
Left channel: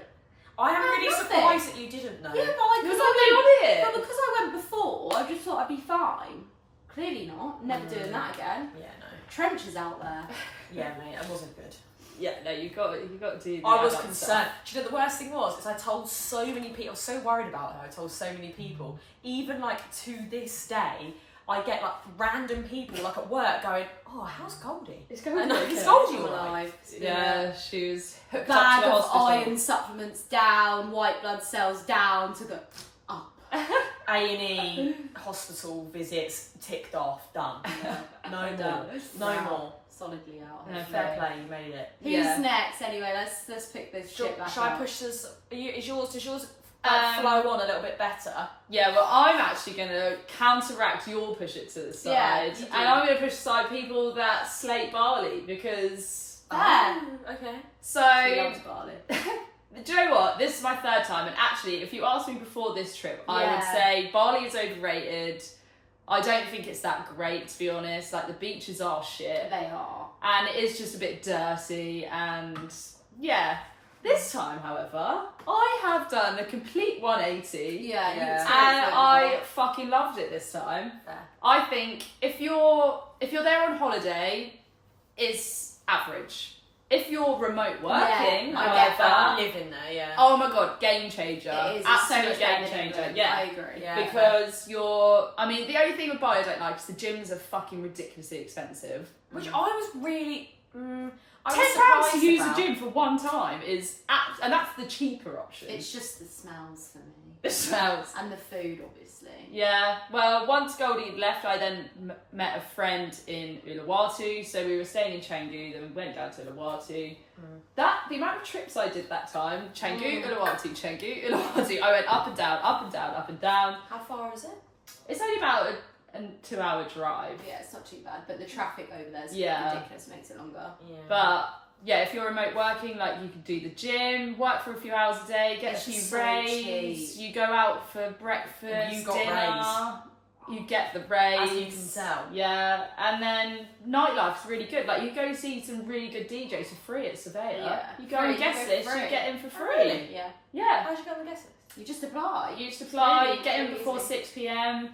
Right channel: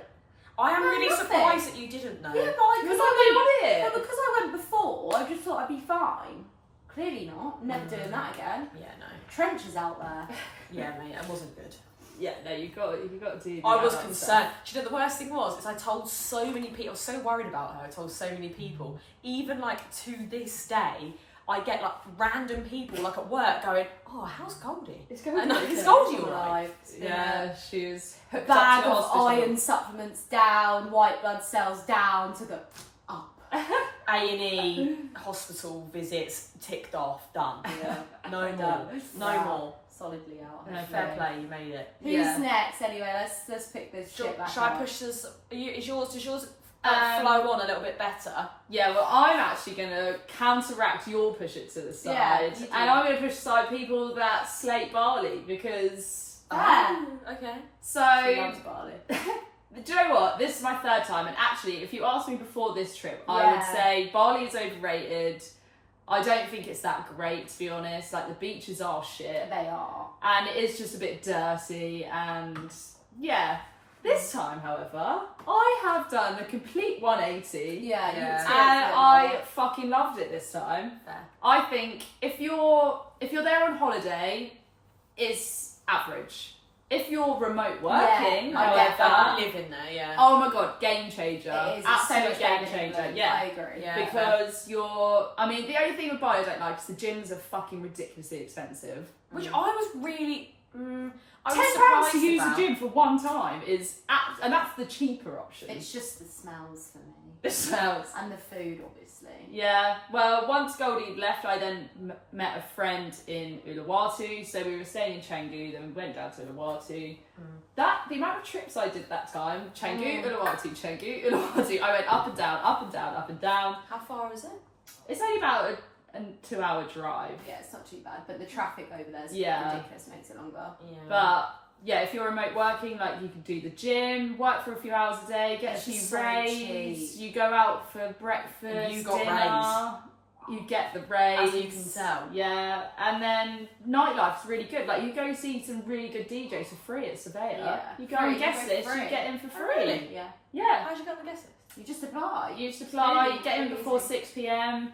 I am No, really nothing. surprised that you didn't know. Yeah, but like, You're because not I on went, it. but because I went before, I just thought I'd be fine. Clearly not. Never doing that again. Yeah, no. Trenches out there. Yeah, mate, it wasn't good. Yeah, no, you got to do. The I was adult concerned. stuff. Do you know the worst thing was? Is I told so many people. I was so worried about her. I told so many people. Even like to this day, I get like random people like at work going, "Oh, how's Goldie? It's Goldie. And okay. is Goldie all right?" Alive. Yeah, she was hooked Bag up to the of hospital. iron supplements down, white blood cells down to the up. A&E hospital visits ticked off. Done. Yeah. No more. Done. No Wow. more. Solidly out. No, fair play. You made it. Who's Yeah. next? Anyway, let's pick this shit back Shall I up. push this? Does yours Um, flow on a little bit better? Yeah, well, I'm actually going to counteract your push it to the side. Yeah, you and do. I'm going to push aside people that slate Bali because. Fair. Oh, okay. So, She loves barley. do you know what? This is my 3rd time, and actually, if you asked me before this trip, I would Yeah. say Bali is overrated. I don't think it's that great, to be honest. Like, the beaches are shit, They are. and it is just a bit dirty, and yeah. This time, however, I have done a complete 180. Yeah, you Yeah. experienced And it I more. fucking loved it this time. Fair. I think if you're there on holiday, it's average. If you're remote working, I get that. however, Living there, yeah. oh my god, game changer. It is. It's so Absolute much game better than changer. England. Yeah. I agree. Yeah. Because I mean, the only thing with Bali I don't like is the gyms are fucking ridiculously expensive. Which I was really. I was £10 surprised to use about. a gym for one time is, and that's the cheaper option. It's just the smells for me. It smells. And the food, obviously. Yeah, well, once Goldie left, I then met a friend in Uluwatu. So we were staying in Canggu, then we went down to Uluwatu. The amount of trips I did that time, Canggu, Uluwatu, Canggu, Uluwatu. I went up and down, up and down, up and down. How far is it? It's only about a 2-hour drive. Yeah, it's not too bad, but the traffic over there is Yeah. ridiculous. Makes it longer. Yeah. But yeah, if you're remote working, like you could do the gym, work for a few hours a day, get It's a few just so rays. cheap. You go out for breakfast, You got dinner. You get the rays. As you can tell. Yeah, and then nightlife's really good. Like you go see some really good DJs for free at Surveyor. Yeah. You go Free, and guest you go list, for you free. get in for free. really? Yeah. Yeah. How'd you go on the guest list? You just apply. You just apply, Really, you get in really before easy. 6 p.m.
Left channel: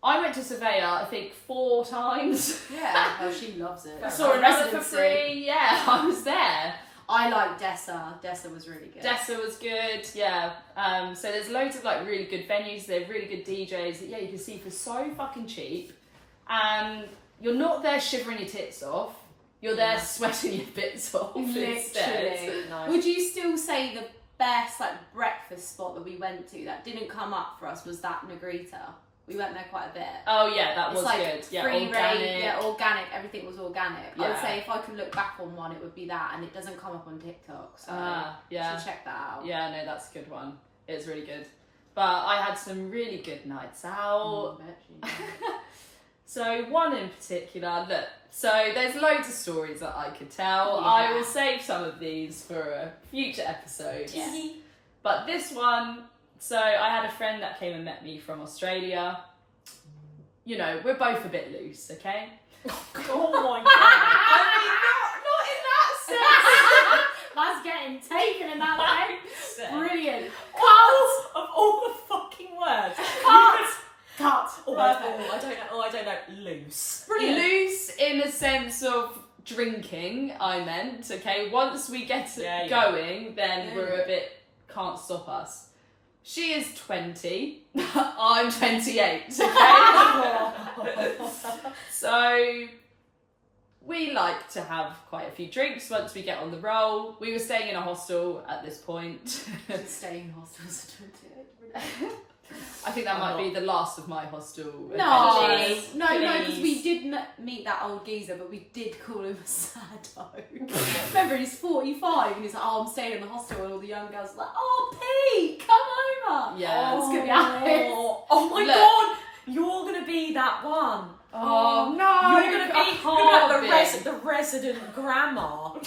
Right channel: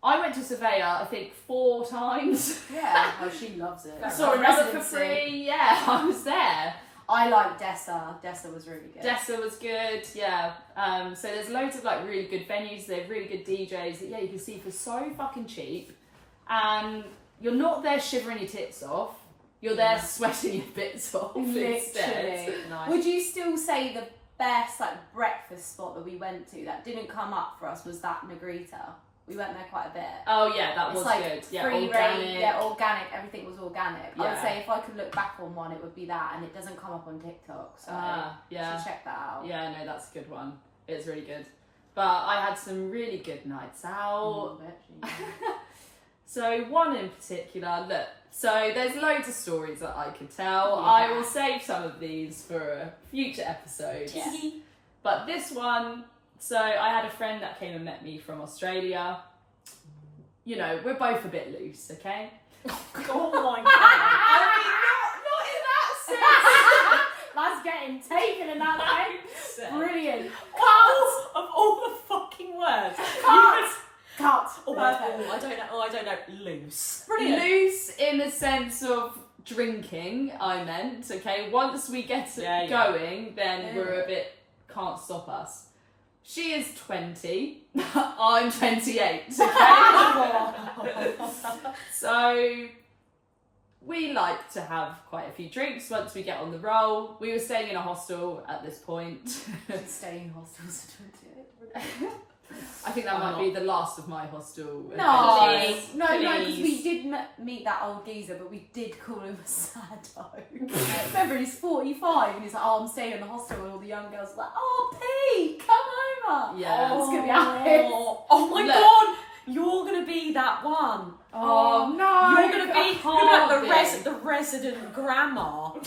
I went to Surveyor, I think 4 times. Yeah. Oh, she loves it. I saw another for free. Yeah, I was there. I like Dessa. Dessa was really good. Dessa was good, yeah. So there's loads of like really good venues. They're really good DJs that you can see for so fucking cheap, and you're not there shivering your tits off. You're there sweating your bits off instead. Literally. Nice. Would you still say the best like breakfast spot that we went to that didn't come up for us was that Negrita? We went there quite a bit. Oh yeah, that It's was like good. Yeah, free organic. range, yeah, organic. Everything was organic. I would Yeah. say if I could look back on one, it would be that, and it doesn't come up on TikTok. So Yeah. you should check that out. Yeah, no, that's a good one. It's really good. but I had some really good nights out. Mm, So one in particular, look, so there's loads of stories that I could tell. Yeah. I will save some of these for a future episode. Yeah. But this one, so I had a friend that came and met me from Australia. You know, we're both a bit loose, okay? Oh my god. I mean, not in that sense. That's getting taken in that way. Brilliant. Of all the fucking words. Cut. Oh, I don't know. Loose. Brilliant. Loose in the sense of drinking, I meant, okay? Once we get it going, then we're a bit, can't stop us. She is 20, I'm 28, okay? So we like to have quite a few drinks once we get on the roll. We were staying in a hostel at this point. Staying in hostels at 28. I think that might be the last of my hostel. No, adventures. no, because we did meet that old geezer, but we did call him a sado. Remember, he's 45 and he's like, oh, I'm staying in the hostel, and all the young girls are like, oh, Pete, come over. Yeah. It's going to be Alice. Oh my Look. god, you're gonna be that one. Oh no! You're gonna be like the resident grandma of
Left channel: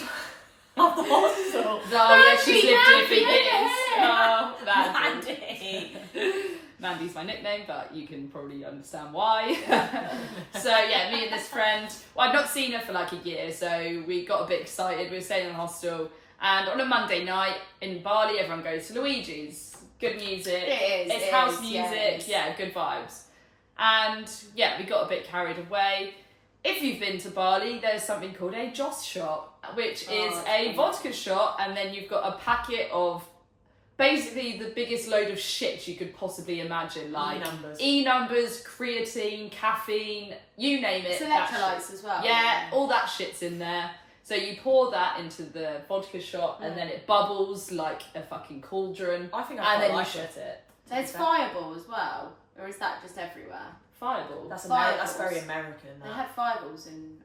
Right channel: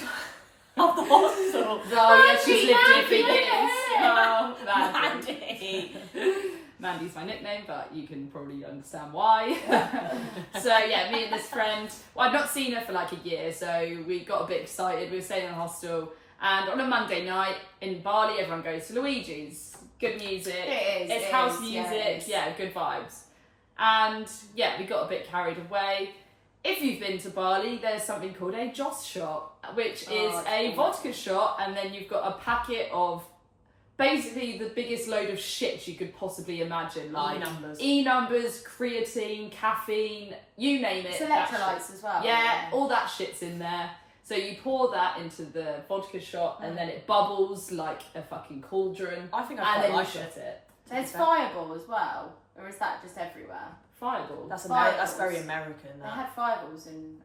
the hospital. Oh yeah, she's lived here for Mandy, years. Oh, Mandy. Mandy. Mandy's my nickname, but you can probably understand why. So yeah, me and this friend, well, I'd not seen her for like a year, so we got a bit excited. We were staying in a hostel, and on a Monday night in Bali, everyone goes to Luigi's. Good music. It's house music. Yeah, good vibes. And yeah, we got a bit carried away. If you've been to Bali, there's something called a Joss shot, which is a vodka shot, and then you've got a packet of basically the biggest load of shit you could possibly imagine, like E-numbers, creatine, caffeine, you name it. It's electrolytes as well. Yeah, all that shit's in there. So you pour that into the vodka shot, and then it bubbles like a fucking cauldron. I think and then you like shot it. There's Fireball as well, or is that just everywhere? Fireball. That's Fireballs. That's very American. They That. had Fireballs in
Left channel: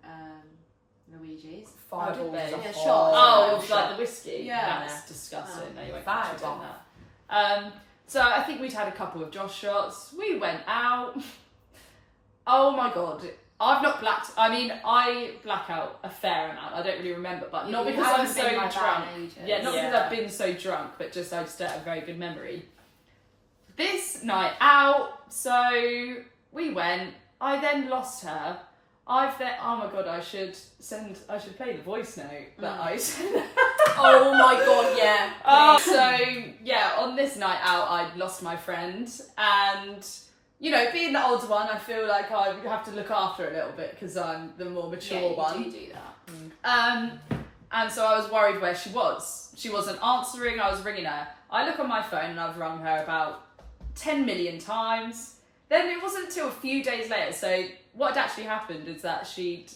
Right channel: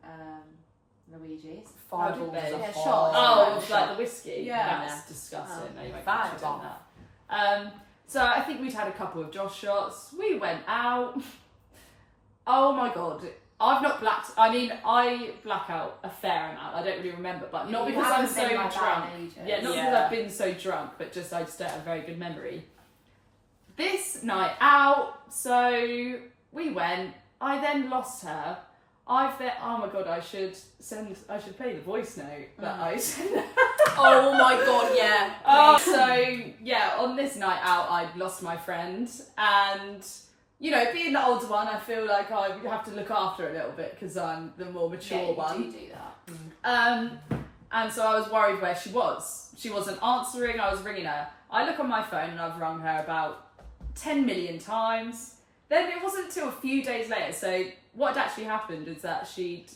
Luigi's. Fireballs they? is a Yeah, whole shots. Oh, shot. like the whiskey. Yeah. That's disgusting. Oh. No, you won't Fireball. catch you doing that. So I think we'd had a couple of Josh shots. We went out. Oh my god. I've not blacked. I mean, I black out a fair amount. I don't really remember, but not because I'm so drunk. Yeah, not because I've been so drunk, but just I just don't have a very good memory. This night out, so we went. I then lost her. Oh my god, I should play the voice note that I sent. Oh my god, yeah. So yeah, on this night out, I'd lost my friend, and you know, being the older one, I feel like I have to look after her a little bit because I'm the more mature one. You do that. And so I was worried where she was. She wasn't answering. I was ringing her. I look on my phone and I've rung her about 10 million times. Then it wasn't until a few days later. So what had actually happened is that she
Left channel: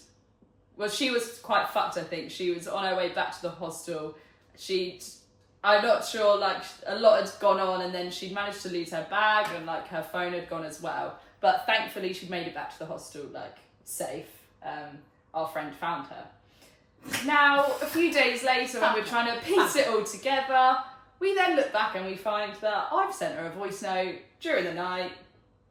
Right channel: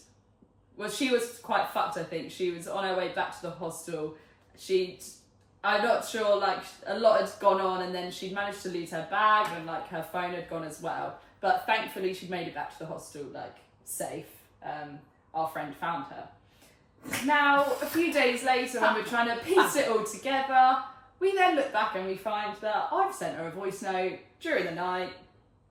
was quite fucked, I think. She was on her way back to the hostel. I'm not sure, like, a lot had gone on, and then she'd managed to lose her bag, and, like, her phone had gone as well. But thankfully, she'd made it back to the hostel, like, safe. Our friend found her. Now, a few days later, when we're trying to piece it all together, we then look back and we find that I've sent her a voice note during the night.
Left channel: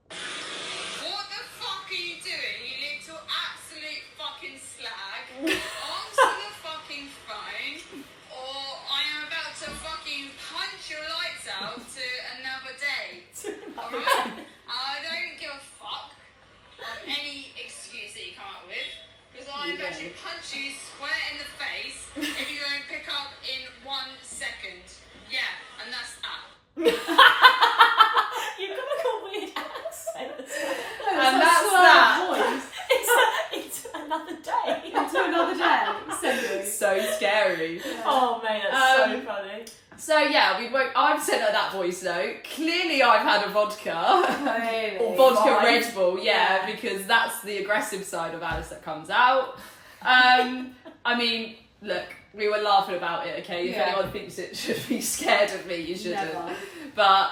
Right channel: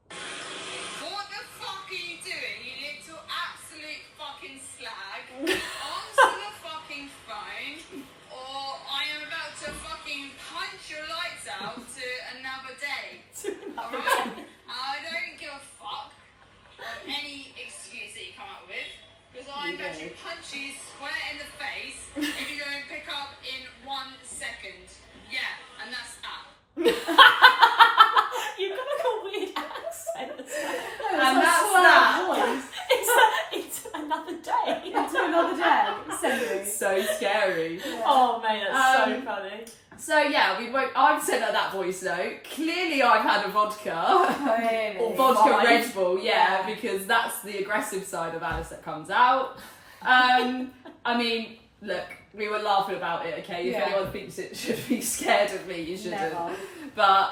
What the fuck are you doing, you little absolute fucking slag? Answer the fucking phone, or I am about to fucking punch your lights out to another day. Alright? I don't give a fuck of any excuse that you come up with, because I'm about to punch you square in the face if you don't pick up in 1 second. Yeah, and that's that. You've got like a weird accent. And that's that. Voice. It's another day. Into another day. So scary. Oh mate, that's so Um, funny. So yeah, I've sent her that voice note. Clearly I've had a vodka. Really? Or vodka Fine. Red Bull, Yeah. because that's the aggressive side of Alice that comes out. I mean, look, we were laughing about it, okay? If Yeah. anyone thinks it should be scared of me, you shouldn't. Never. But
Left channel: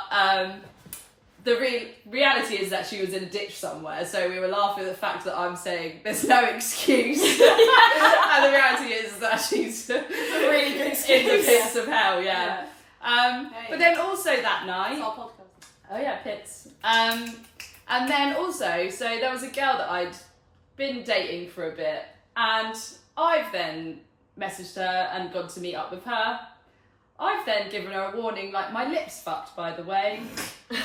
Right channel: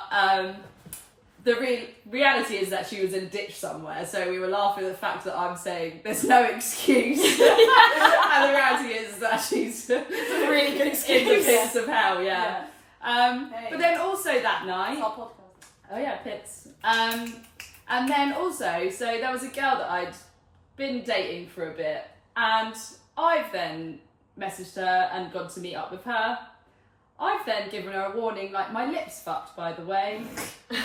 the reality is that she was in a ditch somewhere, so we were laughing at the fact that I'm saying there's no excuse. And the reality is that she's a really good in the excuse. pits of hell, yeah. Hey. But then also that night, It's our podcast. Oh yeah, pits. And then also, so there was a girl that I'd been dating for a bit, and I've then messaged her and gone to meet up with her. I've then given her a warning, like, my lip's fucked, by the way.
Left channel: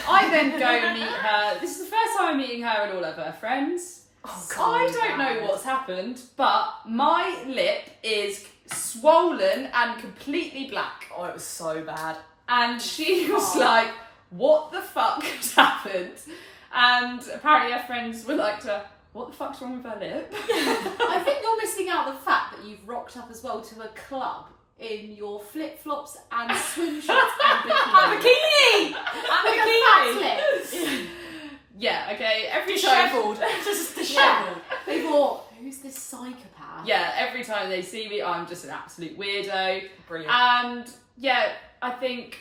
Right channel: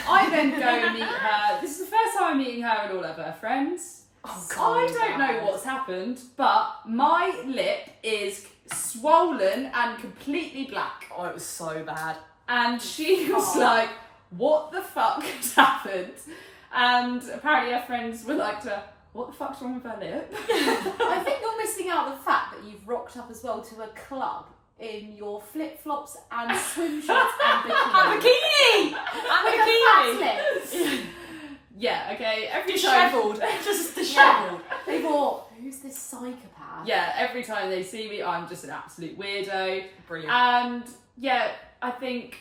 I then go and meet her. This is the first time I'm meeting her and all of her friends. Oh, God, I don't know what's happened, but my lip is swollen and completely black. Oh, it was so bad. And she was like, what the fuck has happened? And apparently her friends were like to her, what the fuck's wrong with her lip? I think you're missing out the fact that you've rocked up as well to a club in your flip-flops and swim shorts and bikini. And bikini! Yeah, okay, every time... Dishevelled. Just dishevelled. They thought, who's this psychopath? Yeah, every time they see me, I'm just an absolute weirdo. Brilliant. And yeah, I think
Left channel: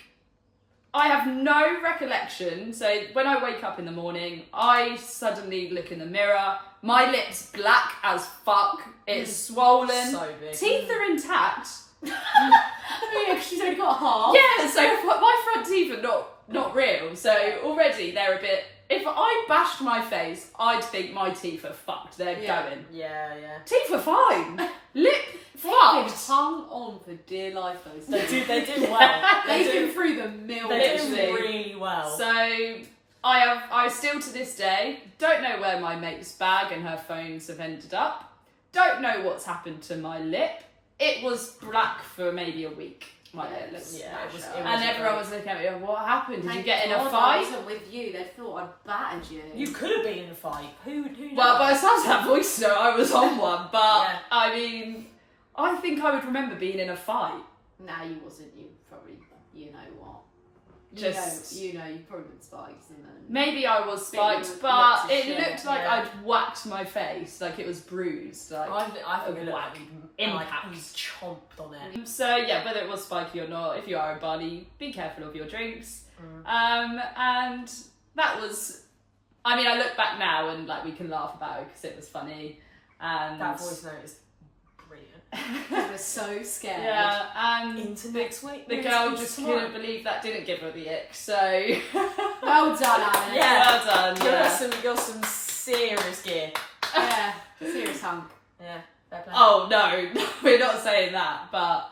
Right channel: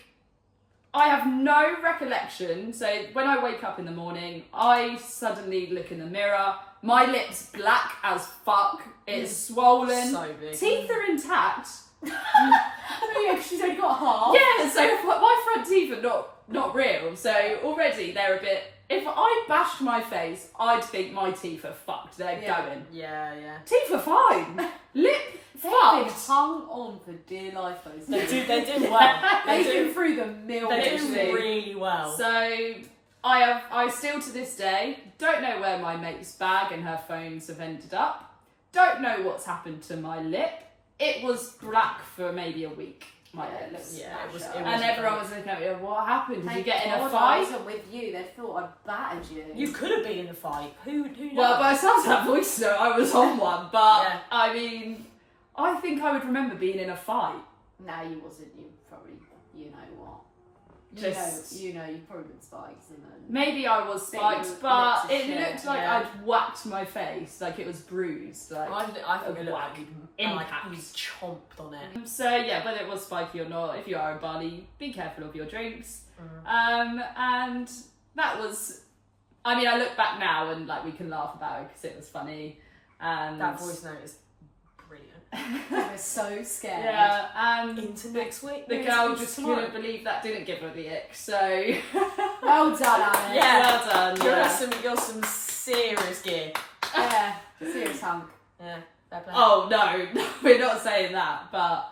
I have no recollection. So when I wake up in the morning, I suddenly look in the mirror. My lip's black as fuck. It's swollen. So big. Teeth are intact. Oh yeah, because she's only got half. Yeah, so my front teeth are not real. So already they're a bit... If I bashed my face, I'd think my teeth are fucked. They're going. Yeah, yeah. Teeth are fine. Lip They've been fucked. hung on for dear life, those They days. do well. They've They been do, through the mill. they do literally. really well. So I still to this day don't know where my mate's bag and her phones have ended up. Don't know what's happened to my lip. It was black for maybe a week. My lips. Yeah, it was And everyone was looking at me, what happened? Did you Thank get in a God I fight? wasn't with you. They thought I'd battered you. You could have been in a fight. Who knows? Well, by the sounds of that voice note, I was on one. But, Yeah. I mean, I think I would remember being in a fight. Nah, you wasn't. You probably, you know what. Just- you probably been spikes and then... Maybe I was spiked, Bit but of it shit, looked like yeah. I'd whacked my face, like it was bruised. Like I think it looked like Impact. you chomped on it. So yeah, whether it was spiky or not, if you are in Bali, be careful of your drinks. Mm. And that was, I mean, I look back now and like we can laugh about it because it was funny. And That voice note is brilliant. I was so scared. yeah, and Into next week. the No, girl it's just tomorrow. couldn't believe that didn't give her the ick. So Well done, Anna. Yeah. well done. You're Yeah. some serious gear. Yeah. Serious hunk. Yeah, fair play. Oh no, we're not saying that, but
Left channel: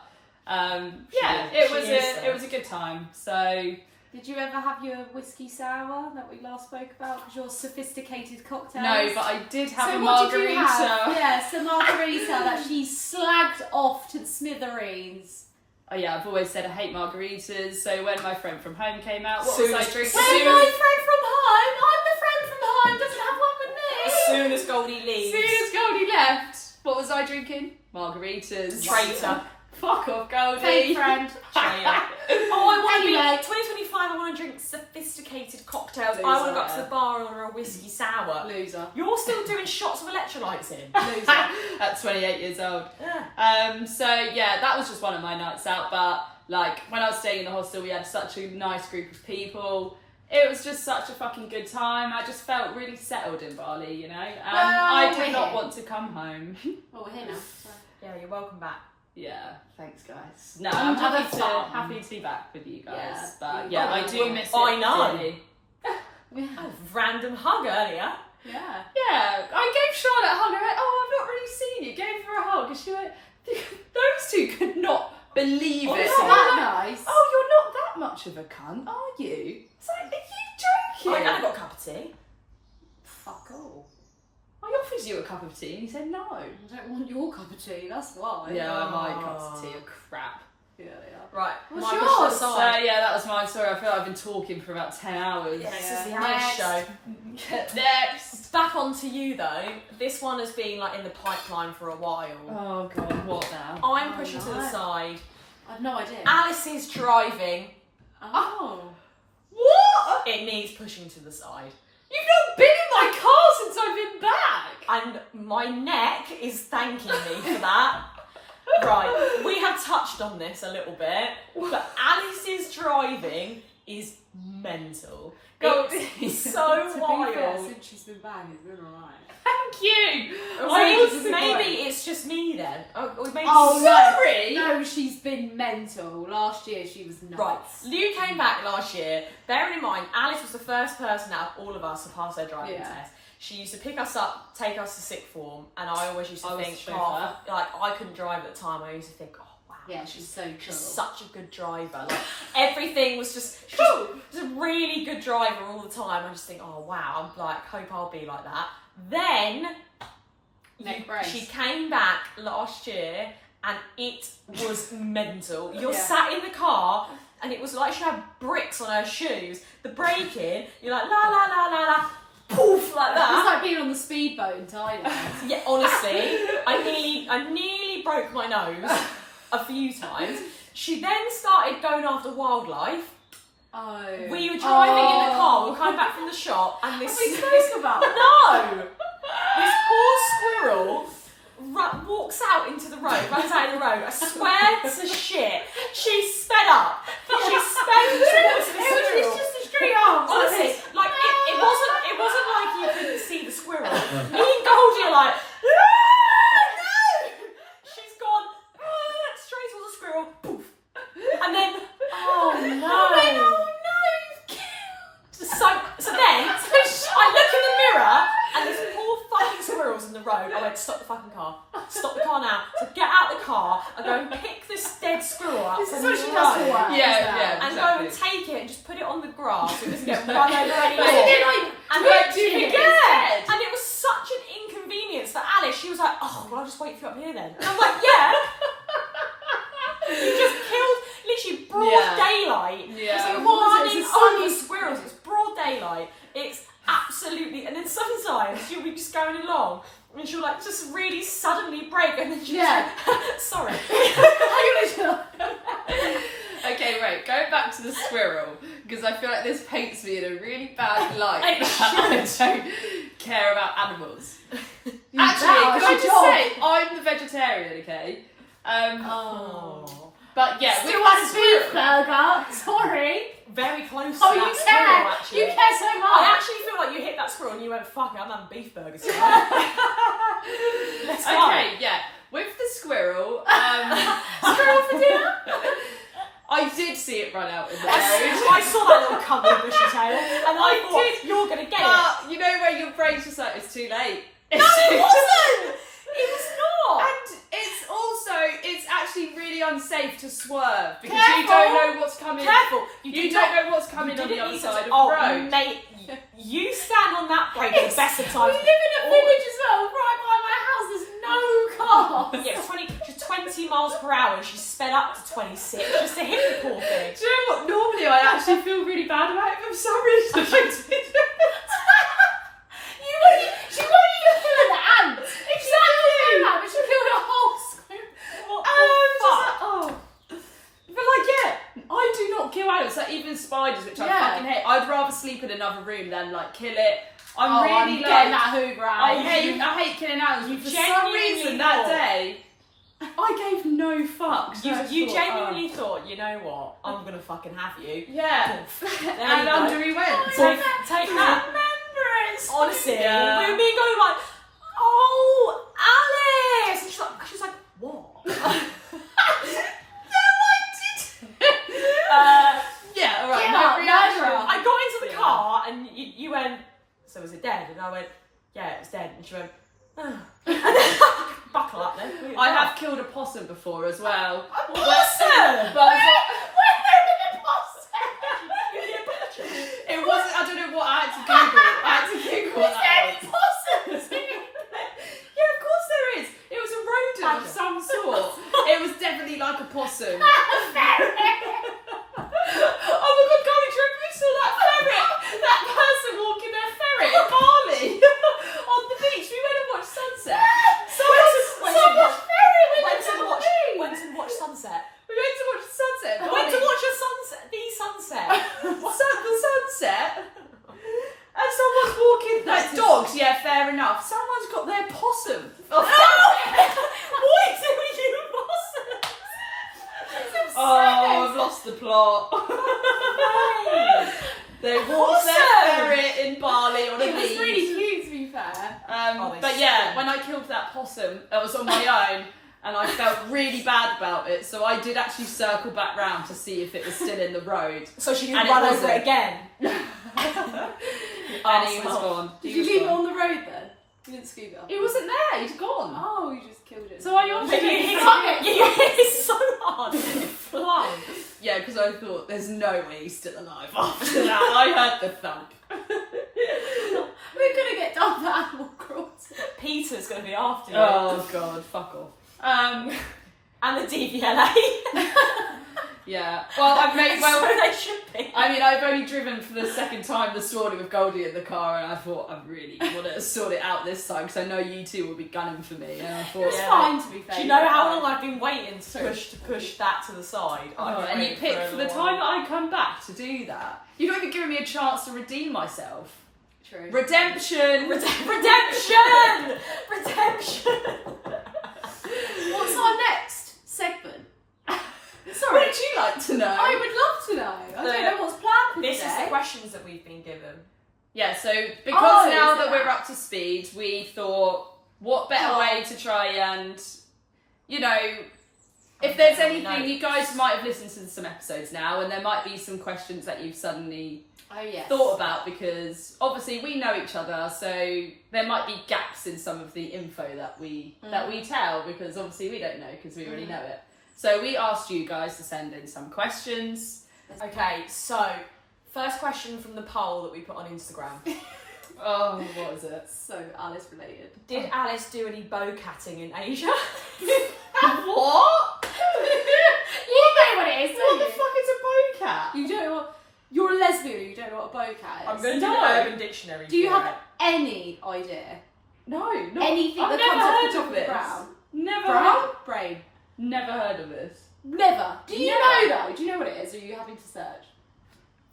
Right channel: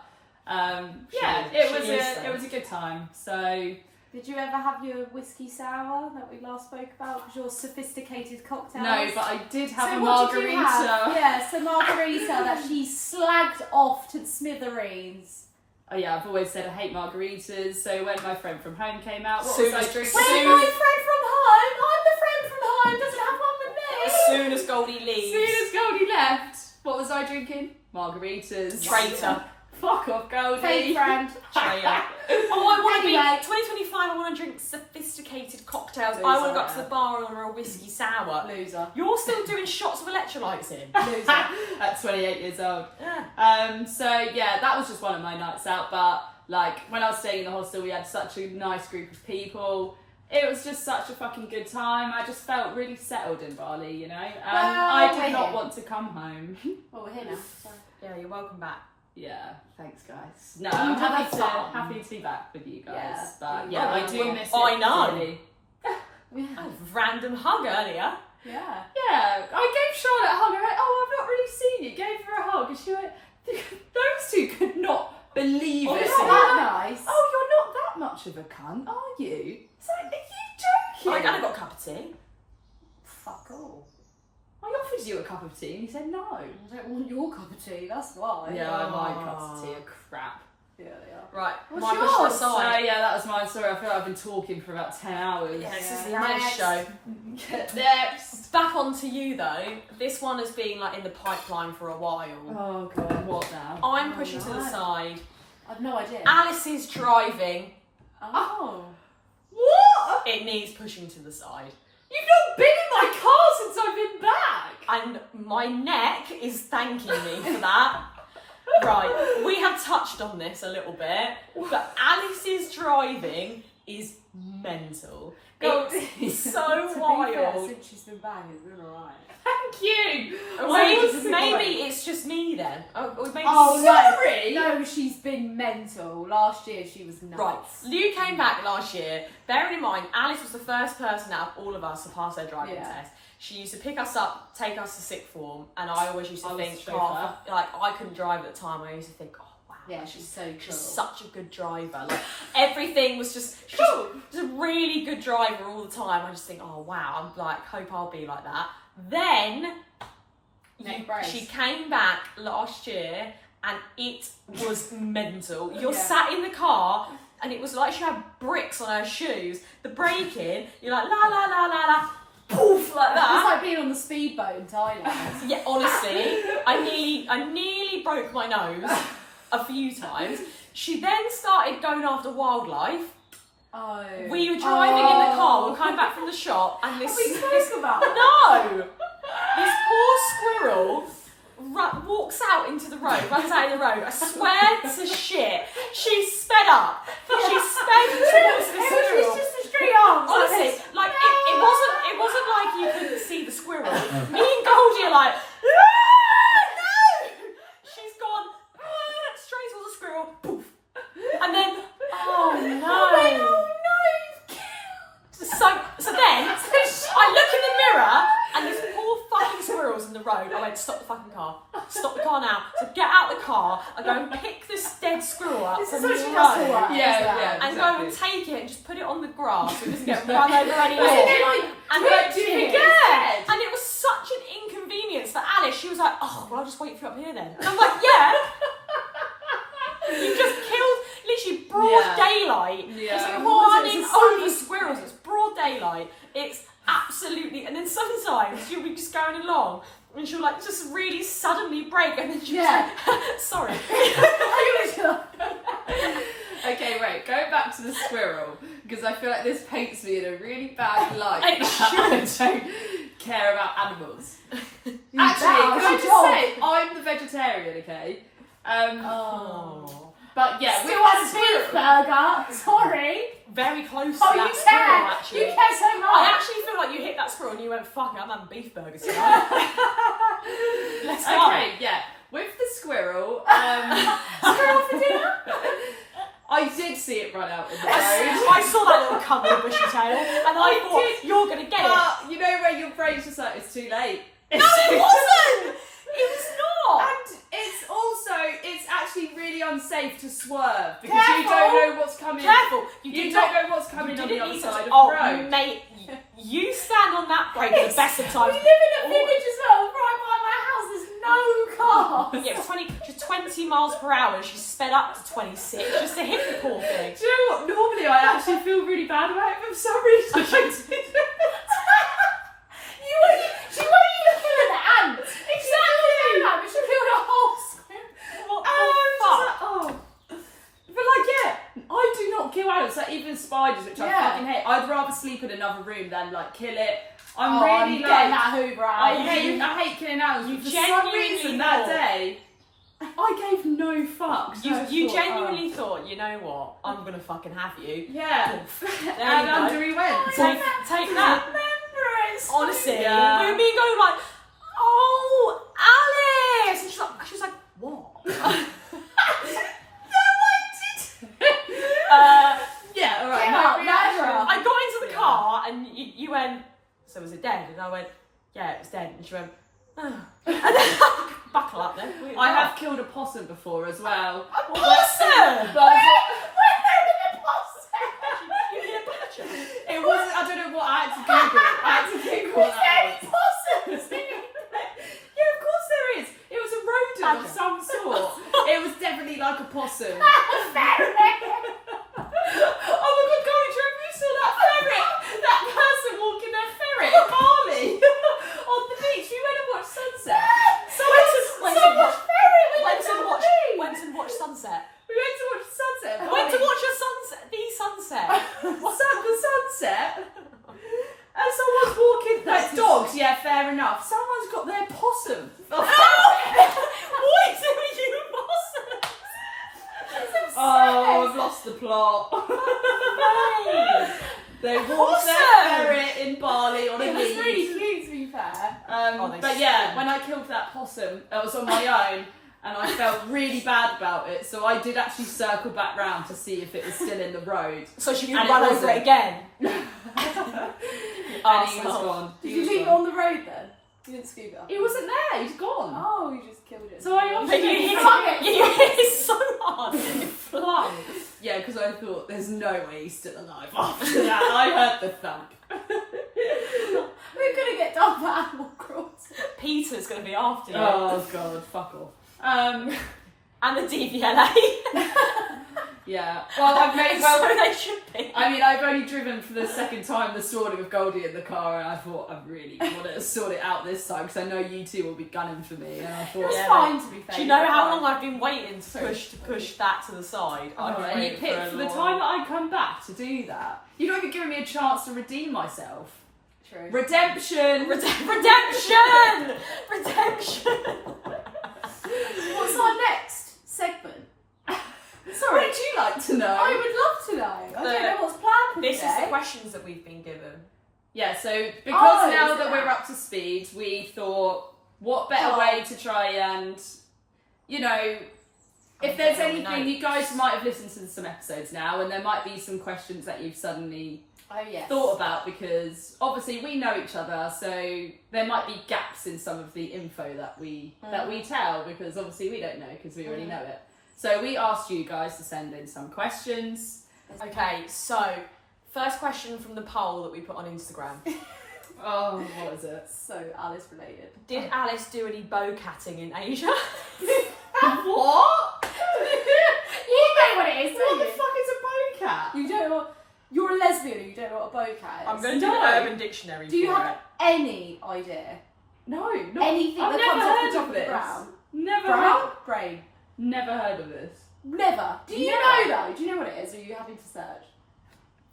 yeah, She is, it was a good time. So Did you ever have your whiskey sour that we last spoke about? Because your sophisticated cocktails. no, but I did have So a what did you margarita. have? Yes, a margarita that she slagged off to smithereens. Oh yeah, I've always said I hate margaritas. So when my friend from home came out, what Soon was I as- drinking? Where's my friend from home? I'm the friend from home. Doesn't have one with me. As soon as Goldie As leaves. soon as Goldie left, what was I drinking? Margaritas. Traitor. Fuck off, Goldie. Fake friend. Traitor. Oh, I want to be Anyway. 2025. I want to drink sophisticated cocktails. Loser, I want to go up to yeah. the bar and order a whiskey sour. Loser. You're still doing shots of electrolytes in. Loser. At 28 years old. Yeah. So yeah, that was just one of my nights out. But like when I was staying in the hostel, we had such a nice group of people. It was just such a fucking good time. I just felt really settled in Bali, you know. Well, I we're did not here. want to come home. Well, we're here now. So. Yeah, you're welcome back. Yeah, thanks guys. No, I'm I'm happy fun. happy to be back with you guys. Yeah. But yeah, Oh, I do well, miss it. I know. dearly. Yeah. Oh, random hug earlier. Yeah. Yeah, I gave Charlotte a hug. I went, oh, I've not really seen you. Gave her a hug, and she went, those two could not believe Oh, it. It's not that nice. Oh, you're not that much of a cunt, are you? It's like, are you joking? I got a cup of tea. Fuck all. I offered you a cup of tea and you said no. I don't want your cup of tea, that's why. Yeah, my cups of tea are crap. Yeah, they are. Right, What's my yours? question So aside. yeah, that was my story. I feel like I've been talking for about 10 hours. Yeah, this Yeah. is the Alice show. Next. Back onto you though. This one has been like in the pipeline for a while. Oh god, what now? I'm Oh, pushing to the no. side. I've no idea. Alice is driving. Oh. What? It needs pushing to the side. You've not been in my car since I've been back. And my neck is thanking me for that. Right, we have touched on this a little bit, but Alice's driving is mental. Goldie. It's so To be fair, wild. since she's been back, it's been alright. Thank you. Maybe it's just me then. Or maybe Sorry. No, she's been mental. Last year she was nuts. Right, Lou came back last year. Bearing in mind, Alice was the first person out of all of us to pass her driving test. She used to pick us up, take us to sixth form, and I always used to think, like, I couldn't drive at the time. I used to think, oh wow, Yeah, she's so cool. she's such a good driver. Like everything was just, she's just a really good driver all the time. I just think, oh wow, I'm like, hope I'll be like that. Then she came back last year and it was mental. You're sat in the car and it was like she had bricks on her shoes. The braking, you're like la la la la la, poof, like that. It's like being on the speedboat in Thailand. Yeah, honestly, I nearly broke my nose a few times. She then started going after wildlife. Oh. We were driving in the car, we were coming back from the shop, and this about no, this poor squirrel walks out into the road, runs out in the road. I swear to shit, she sped up. She sped towards the squirrel. It's just a straight arm. Honestly, like it wasn't like you couldn't see the squirrel. Me and Goldie are like, no! She's gone straight towards the squirrel, poof, and then oh no. So then I look in the mirror and this poor fucking squirrel's in the road. I went, stop the fucking car. Stop the car now. So get out the car and go and pick this dead squirrel up from the road. And go and take it and just put it on the grass so it doesn't get run over anymore. And it was such an inconvenience for Alice. She was like, oh, well, I'll just wait for you up here then. And I'm like, yeah. You just killed literally broad daylight. It's like running over squirrels. It's broad daylight. It's absolutely. And then sometimes you'll be just going along and she'll like just really suddenly break and then she'll just like, sorry. Okay, wait, going back to the squirrel, because I feel like this paints me in a really bad light. It I don't care about animals. Actually, can I just say, I'm the vegetarian, okay? But yeah, still want a beef burger. Sorry. Very close to Oh, that you squirrel, care. actually. You care so much. I actually feel like you hit that squirrel and you went, fuck it, I'm having beef burgers tonight. Let's go. Okay, yeah. With the squirrel, squirrel for dinner? I did see it run out in the road. I saw that little cum with a bushy tail and I thought, you're going to get it. You know where your brain's just like, it's too late. No, it wasn't! It was not! And it's actually really unsafe to swerve because Careful. you don't know what's coming. Careful! You don't know what's coming on the other side of the road. road. Mate, you stand on that brake at the best of times. We live in a village as well, right by my house. There's no cars. Yeah, she's 20 miles per hour and she sped up to 26 just to hit the poor thing. Do you know what? Normally I actually feel really bad about it, but for some reason She won't even kill an ant. Exactly. But she killed a whole squirrel. What the fuck? But like, yeah, I do not kill animals, like even spiders, which I fucking hate. I'd rather sleep in another room than like kill it. I'm really getting like, that Hoover out. I hate killing animals. But for some reason that day, I gave no fucks. You genuinely thought, you know what, I'm gonna fucking have you. Yeah. There And you go. under he went. Take that. Honestly, Yeah. we were me and going like, oh, Alice! And she was like, what? Yeah, alright. Get My out, reaction. Nigel. I got into the car and you went, so was it dead? And I went, yeah, it was dead. And she went, oh. And then, buckle up then. I have killed a possum before as well. A possum! But it wasn't, I don't know what, I had to Google what that was. possums. Yeah, of course there is. It was a rodent of some sort. It was definitely like a possum. Oh my god, Goldie, do you remember you saw that ferret? That person walking their ferret in Bali on the beach. We went and watched sunset. Went and watched sunset. We went to watch sunset. Went to watch a sunset. The sunset. The sunset. And someone's walking. Like dogs, yeah, fair enough. Someone's got their possum. Why do you possums? Oh, I've lost the plot. They walked their ferret in Bali on a It was lead. really cute, to be fair. But yeah, when I killed that possum, I was on my own, and I felt really bad about it. So I did actually circle back round to see if it was still in the road. So she And didn't it run over wasn't. it again. And he was gone. Did you leave it on the road then? You didn't scoop it up? He wasn't there. He'd gone. Oh, you just killed it. So I But obviously you hit it so hard. It flung. Yeah, because I thought there's no way he's still alive after that. And I heard the thunk. We're gonna get done for animal cruelty. Peter's going to be after you. Oh god, fuck off. And the DVLA. Yeah. Well, I've made So they should be. I mean, I've only driven for the second time this morning with Goldie in the car, and I thought I really want to sort it out this time because I know you two will be gunning for me. And I thought, It's Yeah, fine, to be fair. Do you know how long I've been waiting to push that to the side? I've been and you waiting picked for the a time while. that I come back to do that. You've not even given me a chance to redeem myself. True. Redemption. Redemption! Redemption! What's our next segment? Sorry. What would you like to know? I would love to know. I don't know what's planned for This today. is the questions that we've been given. Yeah, so because Oh, now is it that we're that? up to speed, we thought, what better Oh. way to try and, you know, if there's Okay, anything, you guys might have listened to some episodes now, and there might be some questions that you've suddenly Oh, yes. thought about, because obviously we know each other, so there might be gaps in some of the info that we tell, because obviously we don't know because we already know it. So we asked you guys to send in some questions. Okay, so first question from the poll that we put on Instagram. Oh, what is it? So Alice related. Did Alice do any bocatting in Asia? What? You know what it is, What don't the you? fuck is a bocat? You don't know what... You're a lesbian and you don't know what a bocat is. I'm going to do No. an Urban Dictionary. Do you for have it. any idea? No, not Anything I've that never comes off heard the top of of the this. brown? Never Brown? heard. Brain. Never heard of this. Never. Do you Never. know though? Do you know what it is? Or are you having to search?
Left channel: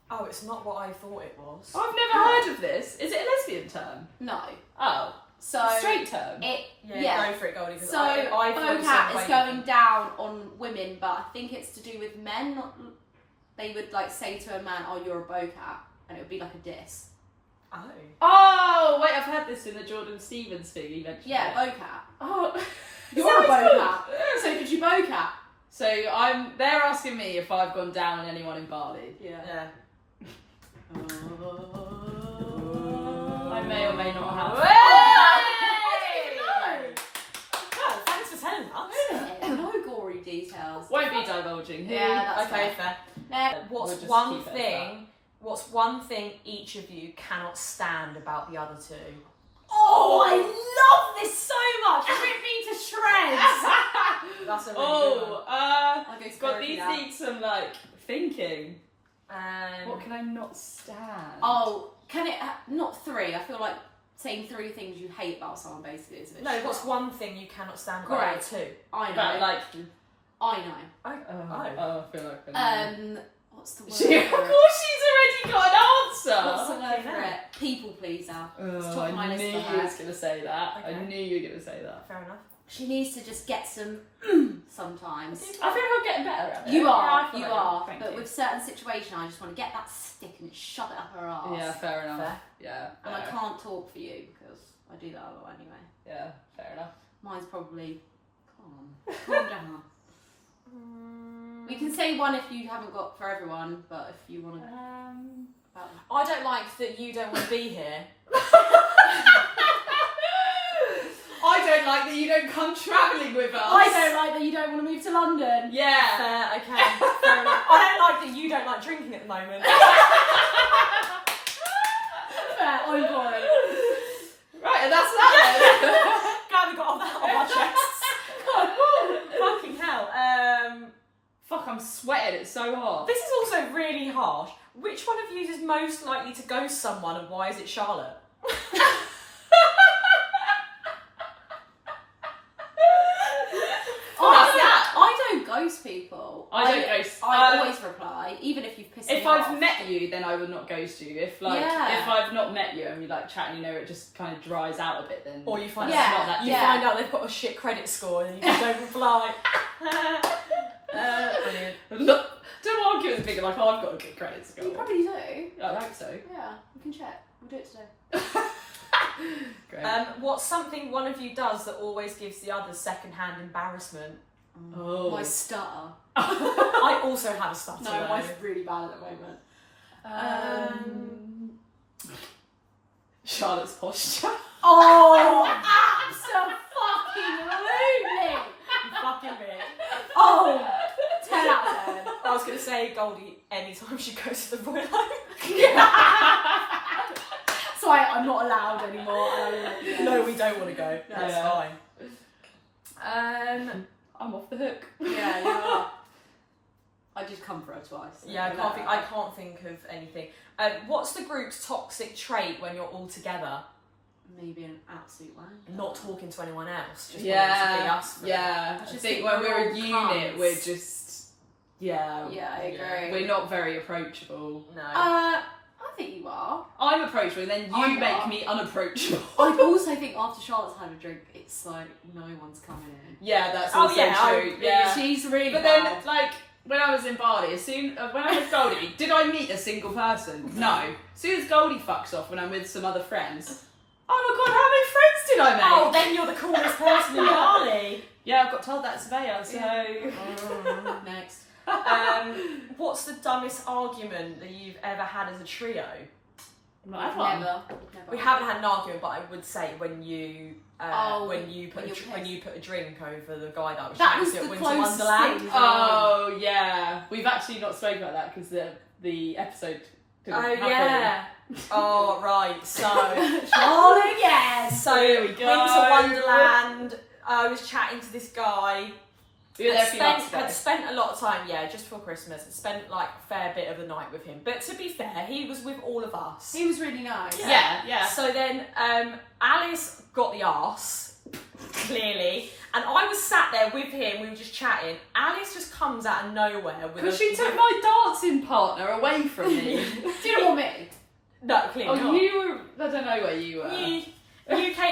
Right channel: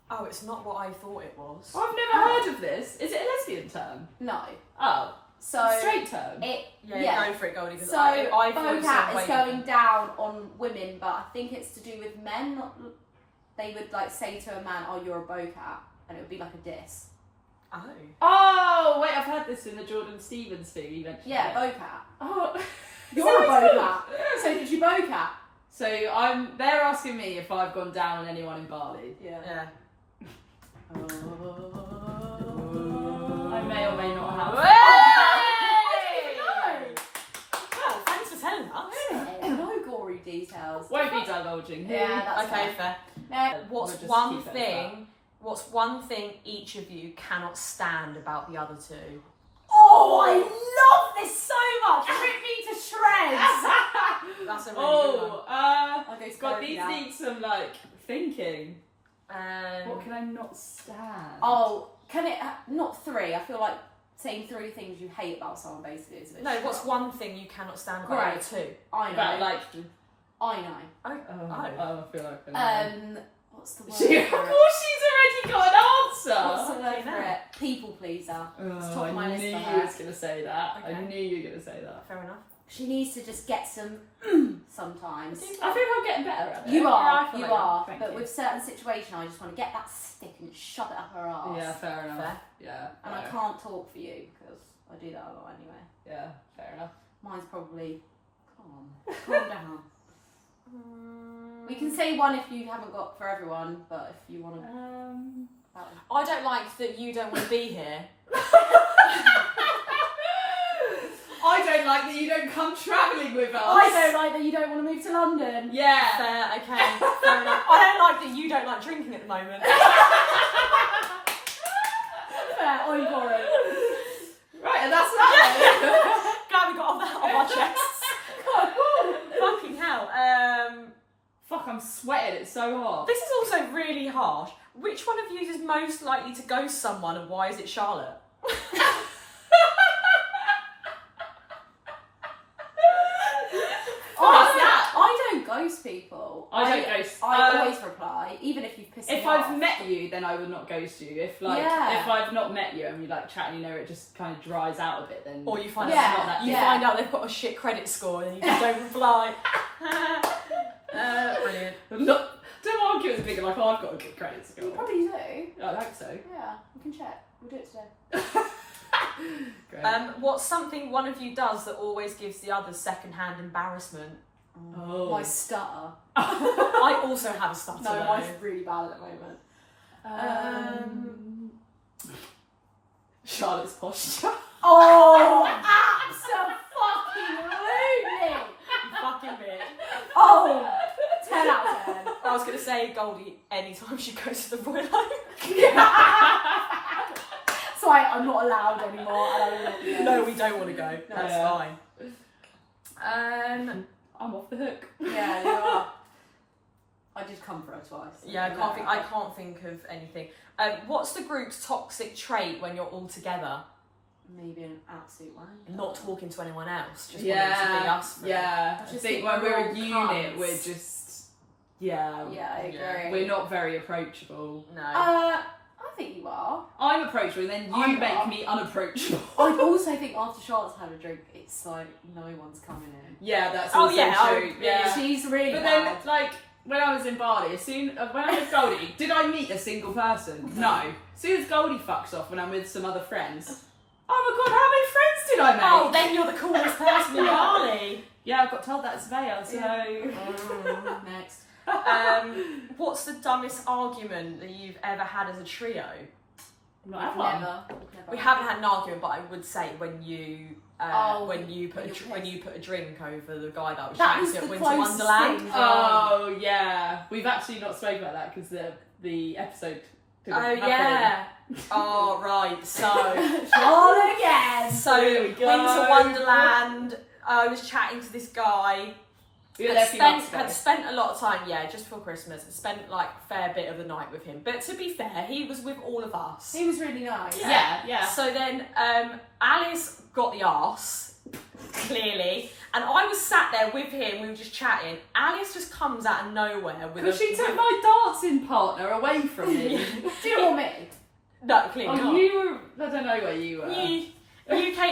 Oh, it's not what I thought it was. I've never heard of this. Is it a lesbian term? No. Oh, So straight term. Yeah, go for it, Goldie. 'Cause So I thought it bocat said is way going down on women, but I think it's to do with men. Not, they would like say to a man, "Oh, you're a bocat," and it would be like a diss. Oh. Oh, wait, I've heard this in the Jordan Stevens thing you mentioned. Yeah, it. bocat. Oh, You're a sounds bocat. good. So did you bocat? So they're asking me if I've gone down on anyone in Bali. Yeah. Yeah. I may or may not have. Well, thanks for telling us. No gory details. Won't be divulging who. Yeah, that's Okay, fair. fair. What's We'll just one keep it as thing? What's one thing each of you cannot stand about the other two? Oh, I love this so much. It ripped me to shreds. That's a really good one. I'll go God, therapy these now. need some like thinking. What Um, can I not stand? Oh, can it not three? I feel like saying three things you hate about someone basically is a bit no, shit. what's one thing you cannot stand about Great. the other two? I know. About like. I know. Oh, I feel like I know. What's the word? She, of for it? course, she's already got an answer. What's the word Okay, for now. it? People pleaser. It's top I of my list knew for you her. was going to say that. I Okay. knew you were going to say that. Fair enough. She needs to just get some sometimes. I feel like I'm getting better at it. You Yeah, are, I feel you like are. thank But you. with certain situations, I just want to get that stick and shove it up her ass. Yeah, fair enough. Fair. Yeah. And I fair. can't talk for you because I do that a lot anyway. Yeah, fair enough. Mine's probably calm down. We can say one if you haven't got for everyone, but if you want to. I don't like that you don't want to be here. I don't like that you don't come travelling with us. I don't like that you don't want to move to London. Yeah. Fair, okay. Fair enough. I don't like that you don't like drinking at the moment. Fair, I'm boring. Right, and that's that. Glad we got all that off our chests. Fucking hell. Fuck, I'm sweating. It's so hot. This is also really harsh. Which one of you is most likely to ghost someone, and why is it Charlotte? Honestly, I don't ghost people. I don't ghost. I always reply, even if you've pissed me If off. I've met you, then I would not ghost you. If like Yeah. if I've not met you and we like chat and you know it just kind of dries out a bit, then Or you find Yeah, out not that you yeah. find out they've got a shit credit score and you just don't reply. Brilliant. Look, don't argue with thinking like, oh, I've got a good credit You score. probably do. I hope so. Yeah, we can check. We'll do it today. Great. What's something one of you does that always gives the other second-hand embarrassment? Oh. My stutter. I also have a stutter. No, though. mine's really bad at the moment. Charlotte's posture. Oh, absolutely! You fucking bitch. Oh, 10 out of 10. I was going to say Goldie anytime she goes to the Royal Oak. So I'm not allowed anymore. No, we don't want to go. That's Yeah. fine. I'm off the hook. Yeah, you are. I did come for her twice. Yeah, I can't think of anything. What's the group's toxic trait when you're all together? Maybe an absolute one. Not talking to anyone else. Just wanting to be Yeah, us. yeah. I just think think when we're we're a all unit, cunts. we're just Yeah, I agree. We're not very approachable. No. I think you are. I'm approachable, and then you I'm make not. me unapproachable. I also think after Charlotte's had a drink, it's like no one's coming in. Yeah, that's Oh, also yeah, true. Yeah. She's really But bad. then, like, when I was in Bali, when I was Goldie, did I meet a single person? No. As soon as Goldie fucks off when I'm with some other friends, oh my god, how many friends did I make? Oh, then you're the coolest person in Bali. Yeah, I've got told that surveyor, so... Next. What's the dumbest argument that you've ever had as a trio? Not Never. We haven't had an argument, but I would say when you when you put a drink over the guy that was That chatting was to at the Winter closest Wonderland. thing. Oh, yeah. We've actually not spoken about that because the episode didn't Oh happen. yeah. Oh right. So Charlotte again. so There we go. Winter Wonderland. I was chatting to this guy. We were there a few months ago. Had spent a lot of time, just before Christmas, and spent like a fair bit of the night with him. But to be fair, he was with all of us. He was really nice. Yeah. So then Alice got the arse, clearly, and I was sat there with him, we were just chatting. Alice just comes out of nowhere with Because she took my dancing partner away from me. Do you want me? No, clearly not. you were... I don't know where you were.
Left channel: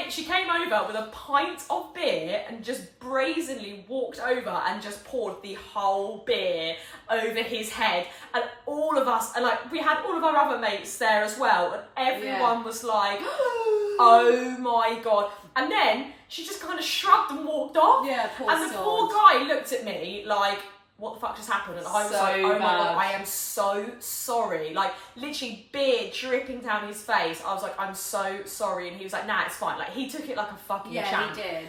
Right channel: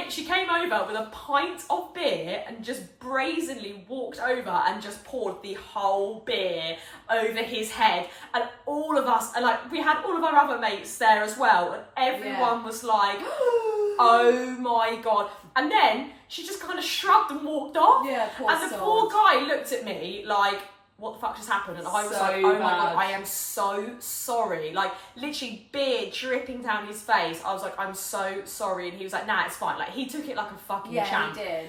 She came over with a pint of beer and just brazenly walked over and just poured the whole beer over his head, and all of us, and like we had all of our other mates there as well, and everyone was like, oh my god. And then she just kind of shrugged and walked off. Yeah, poor and the poor guy looked at me like, what the fuck just happened? And I was So like, oh my god, bad. I am so sorry. Like, literally beer dripping down his face. I was like, I'm so sorry. And he was like, nah, it's fine. Like, he took it like a fucking champ. he did.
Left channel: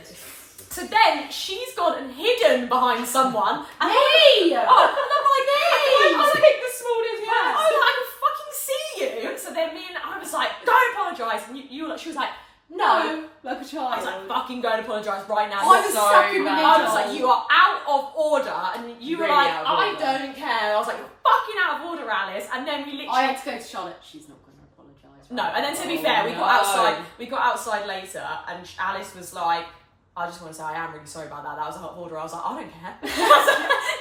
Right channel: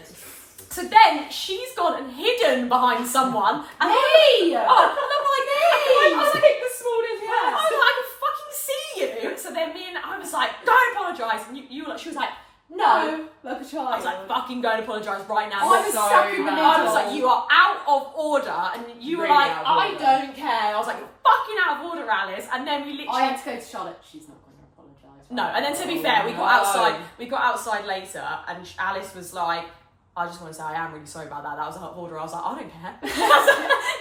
So then she's gone and hidden behind someone. And Me! and I'm like, I I was like, the smallest I was like, I can fucking see you. So then me and I was like, don't apologise. And you were like, she was like, no. Like a child. I was like, fucking go and apologise right now. I was so stuck in the bad. middle. I was like, you are out of order, and you were Really like, out of I order. don't care. I was like, you're fucking out of order, Alice. And then we literally I had to go to Charlotte. She's not going to apologise. no. And then to be Oh, fair, we got no. outside. We got outside later, and Alice was like, I just want to say I am really sorry about that. That was out of order. I was like, I don't care.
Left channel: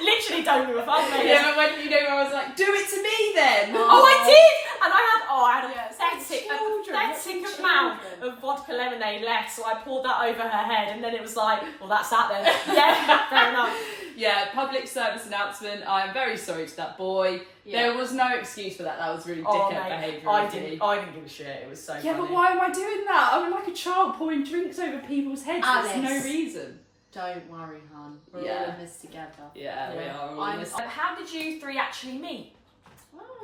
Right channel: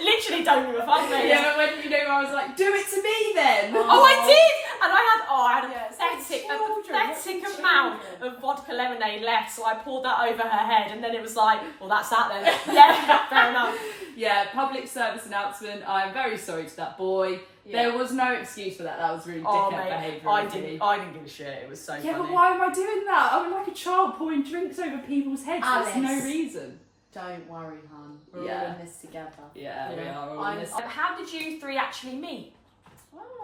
Literally don't give a fuck, mate. Yeah, but when I was like, do it to me then. Oh, I did! And I had a Yes, pathetic children, amount children. of vodka lemonade left, so I poured that over her head, and then it was like, well, that's that then. Yeah, fair enough. Yeah, public service announcement. I am very sorry to that boy. Yeah. There was no excuse for that. That was really Oh, dickhead mate, behaviour. I of me. didn't give a shit. It was so Yeah, funny. but why am I doing that? I'm like a child pouring drinks over people's heads. There's no Alice. reason. Don't worry, hon. We're Yeah. all in this together. Yeah, we Yeah. are all I'm- in this. How did you three actually meet?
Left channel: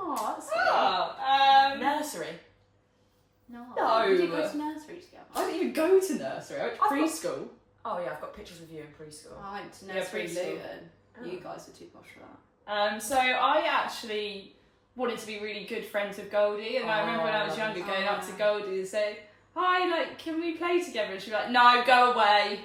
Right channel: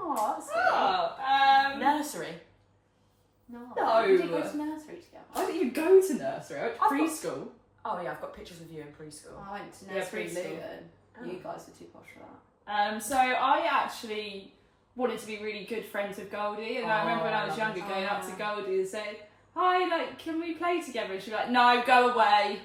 Oh, that's Nursery. No. We didn't go to nursery together. I didn't even go to nursery. I went to I've got- preschool. Oh yeah, I've got pictures of you in preschool. I went to Yeah, nursery preschool. Luton. Oh. You guys were too posh for that. So I actually wanted to be really good friends with Goldie, and I remember when I was lovely. younger going up to Goldie and saying, "Hi, like, can we play together?" And she'd be like, "No, go away."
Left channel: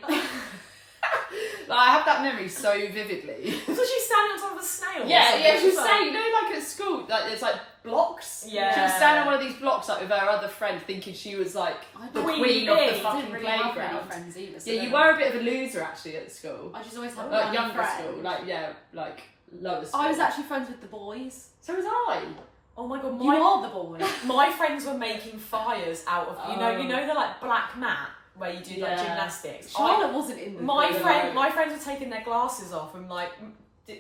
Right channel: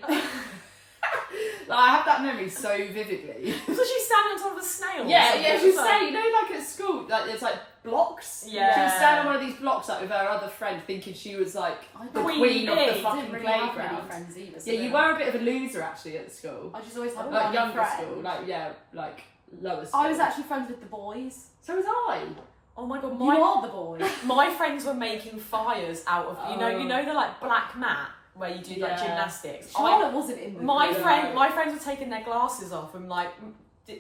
Like, I have that memory so vividly. So she's standing on top of a snail. or Yeah, something. yeah. She was Like- saying, you know, like at school, like there's like blocks. Yeah. She was standing on one of these blocks like with her other friend, thinking she was like the Queen queen of bee. the I fucking didn't really have many playground. friends either. So Yeah, you then were a bit of a loser actually at school. I just always had Like one younger friend. school, like lower school. I was actually friends with the boys. So was I. Oh my god, You are the boy. my friends were making fires out of you know the like black mat where you do like Yeah. gymnastics. Charlotte wasn't in with My me. friends were taking their glasses off and like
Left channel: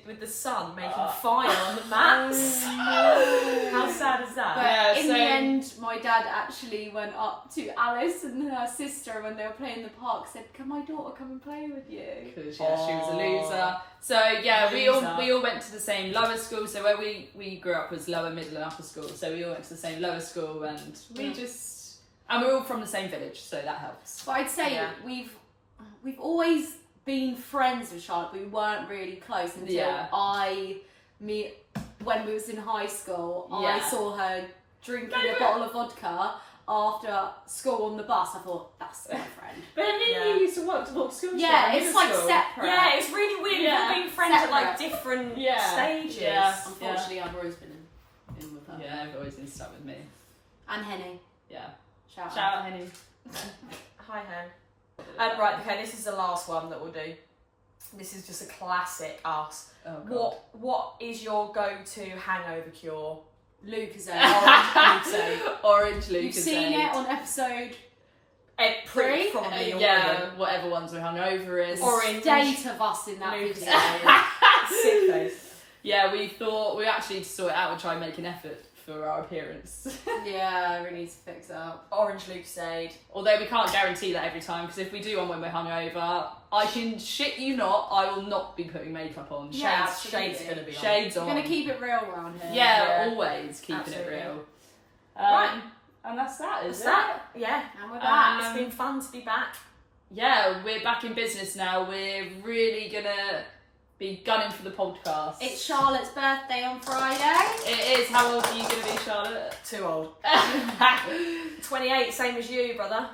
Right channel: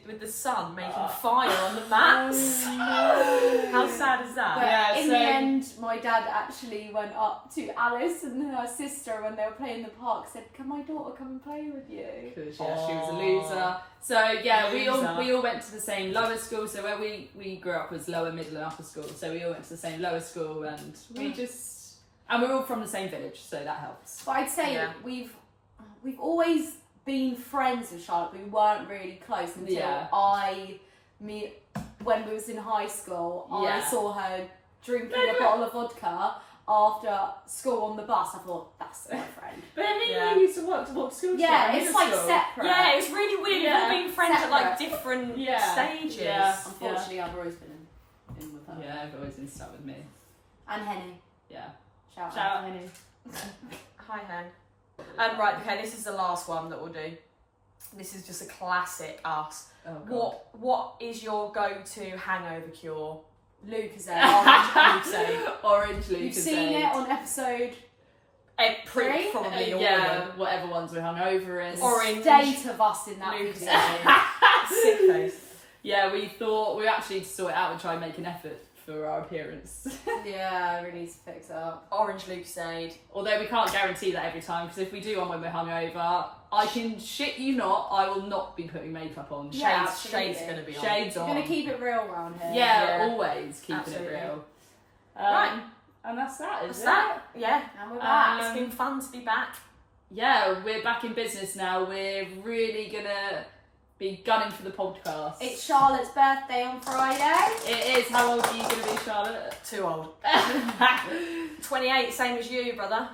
with the sun making fire on the mats. How sad is that? But Yeah, in so- the end, my dad actually went up to Alice and her sister when they were playing in the park, said, "Can my daughter come and play with you?" Because she was a loser. So yeah, we all went to the same lower school. So where we grew up was lower, middle, and upper school. So we all went to the same lower school, and we're all from the same village, so that helps. But I'd say we've always been friends with Charlotte, but we weren't really close until when we was in high school, I saw her drinking a bottle of vodka after school on the bus. I thought, that's my friend. But we used to walk to school. Yeah, it's like separate. Yeah, it's really weird. We've all been friends at like different stages. Yeah. Unfortunately, I've always been in with her. Yeah, I've always been stuck with me. And Henny. Yeah. Shout out, Henny. Hi, Hen. Right, okay, this is the last one that we'll do. This is just a classic us. Oh, God. What is your go-to hangover cure? Lucozade. Orange Lucozade. Orange Lucozade. You've seen it on episode Probably all of them. whatever ones we hung over in. Orange. State of us in that Lucozade. Sick face. Yeah, we thought we actually to sort it out and try and make an effort for our appearance. Yeah, we need to fix it up. Orange Lucozade. Although we can't guarantee that every time, because if we do one when we're hungover, I can shit you not, I will not be putting makeup on. Yeah, Shades going to be on. Shades on. We're going to keep it real around here. Yeah, always keeping Absolutely. it real. Right. And that's that, That's is that. Yeah. And we're back. It's been fun to be back. Yeah, we're back in business now. We're really gonna be gunning for the podcast. It's Charlotte's birthday on Friday. It is. How old are you gonna be, Charlotte? Too old. 28, same as you, brother.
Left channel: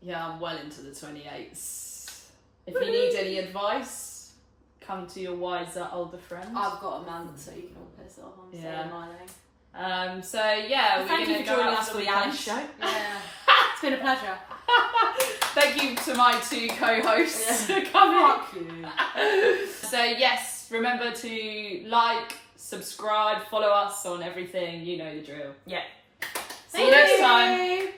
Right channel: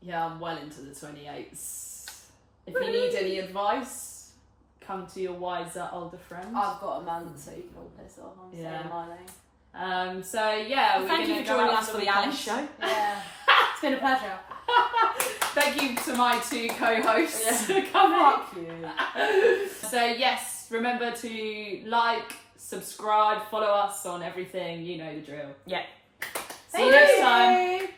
Yeah, I'm well into the 28s. If you need any advice, come to your wiser older friends. I've got a month, so you can all piss off. I'm saying my name. So yeah, Thank you for joining us for the Alice show. Yeah. It's been a pleasure. Thank you to my two co-hosts for coming. Fuck you. So yes, remember to like, subscribe, follow us on everything. You know the drill. Yeah. See you next time.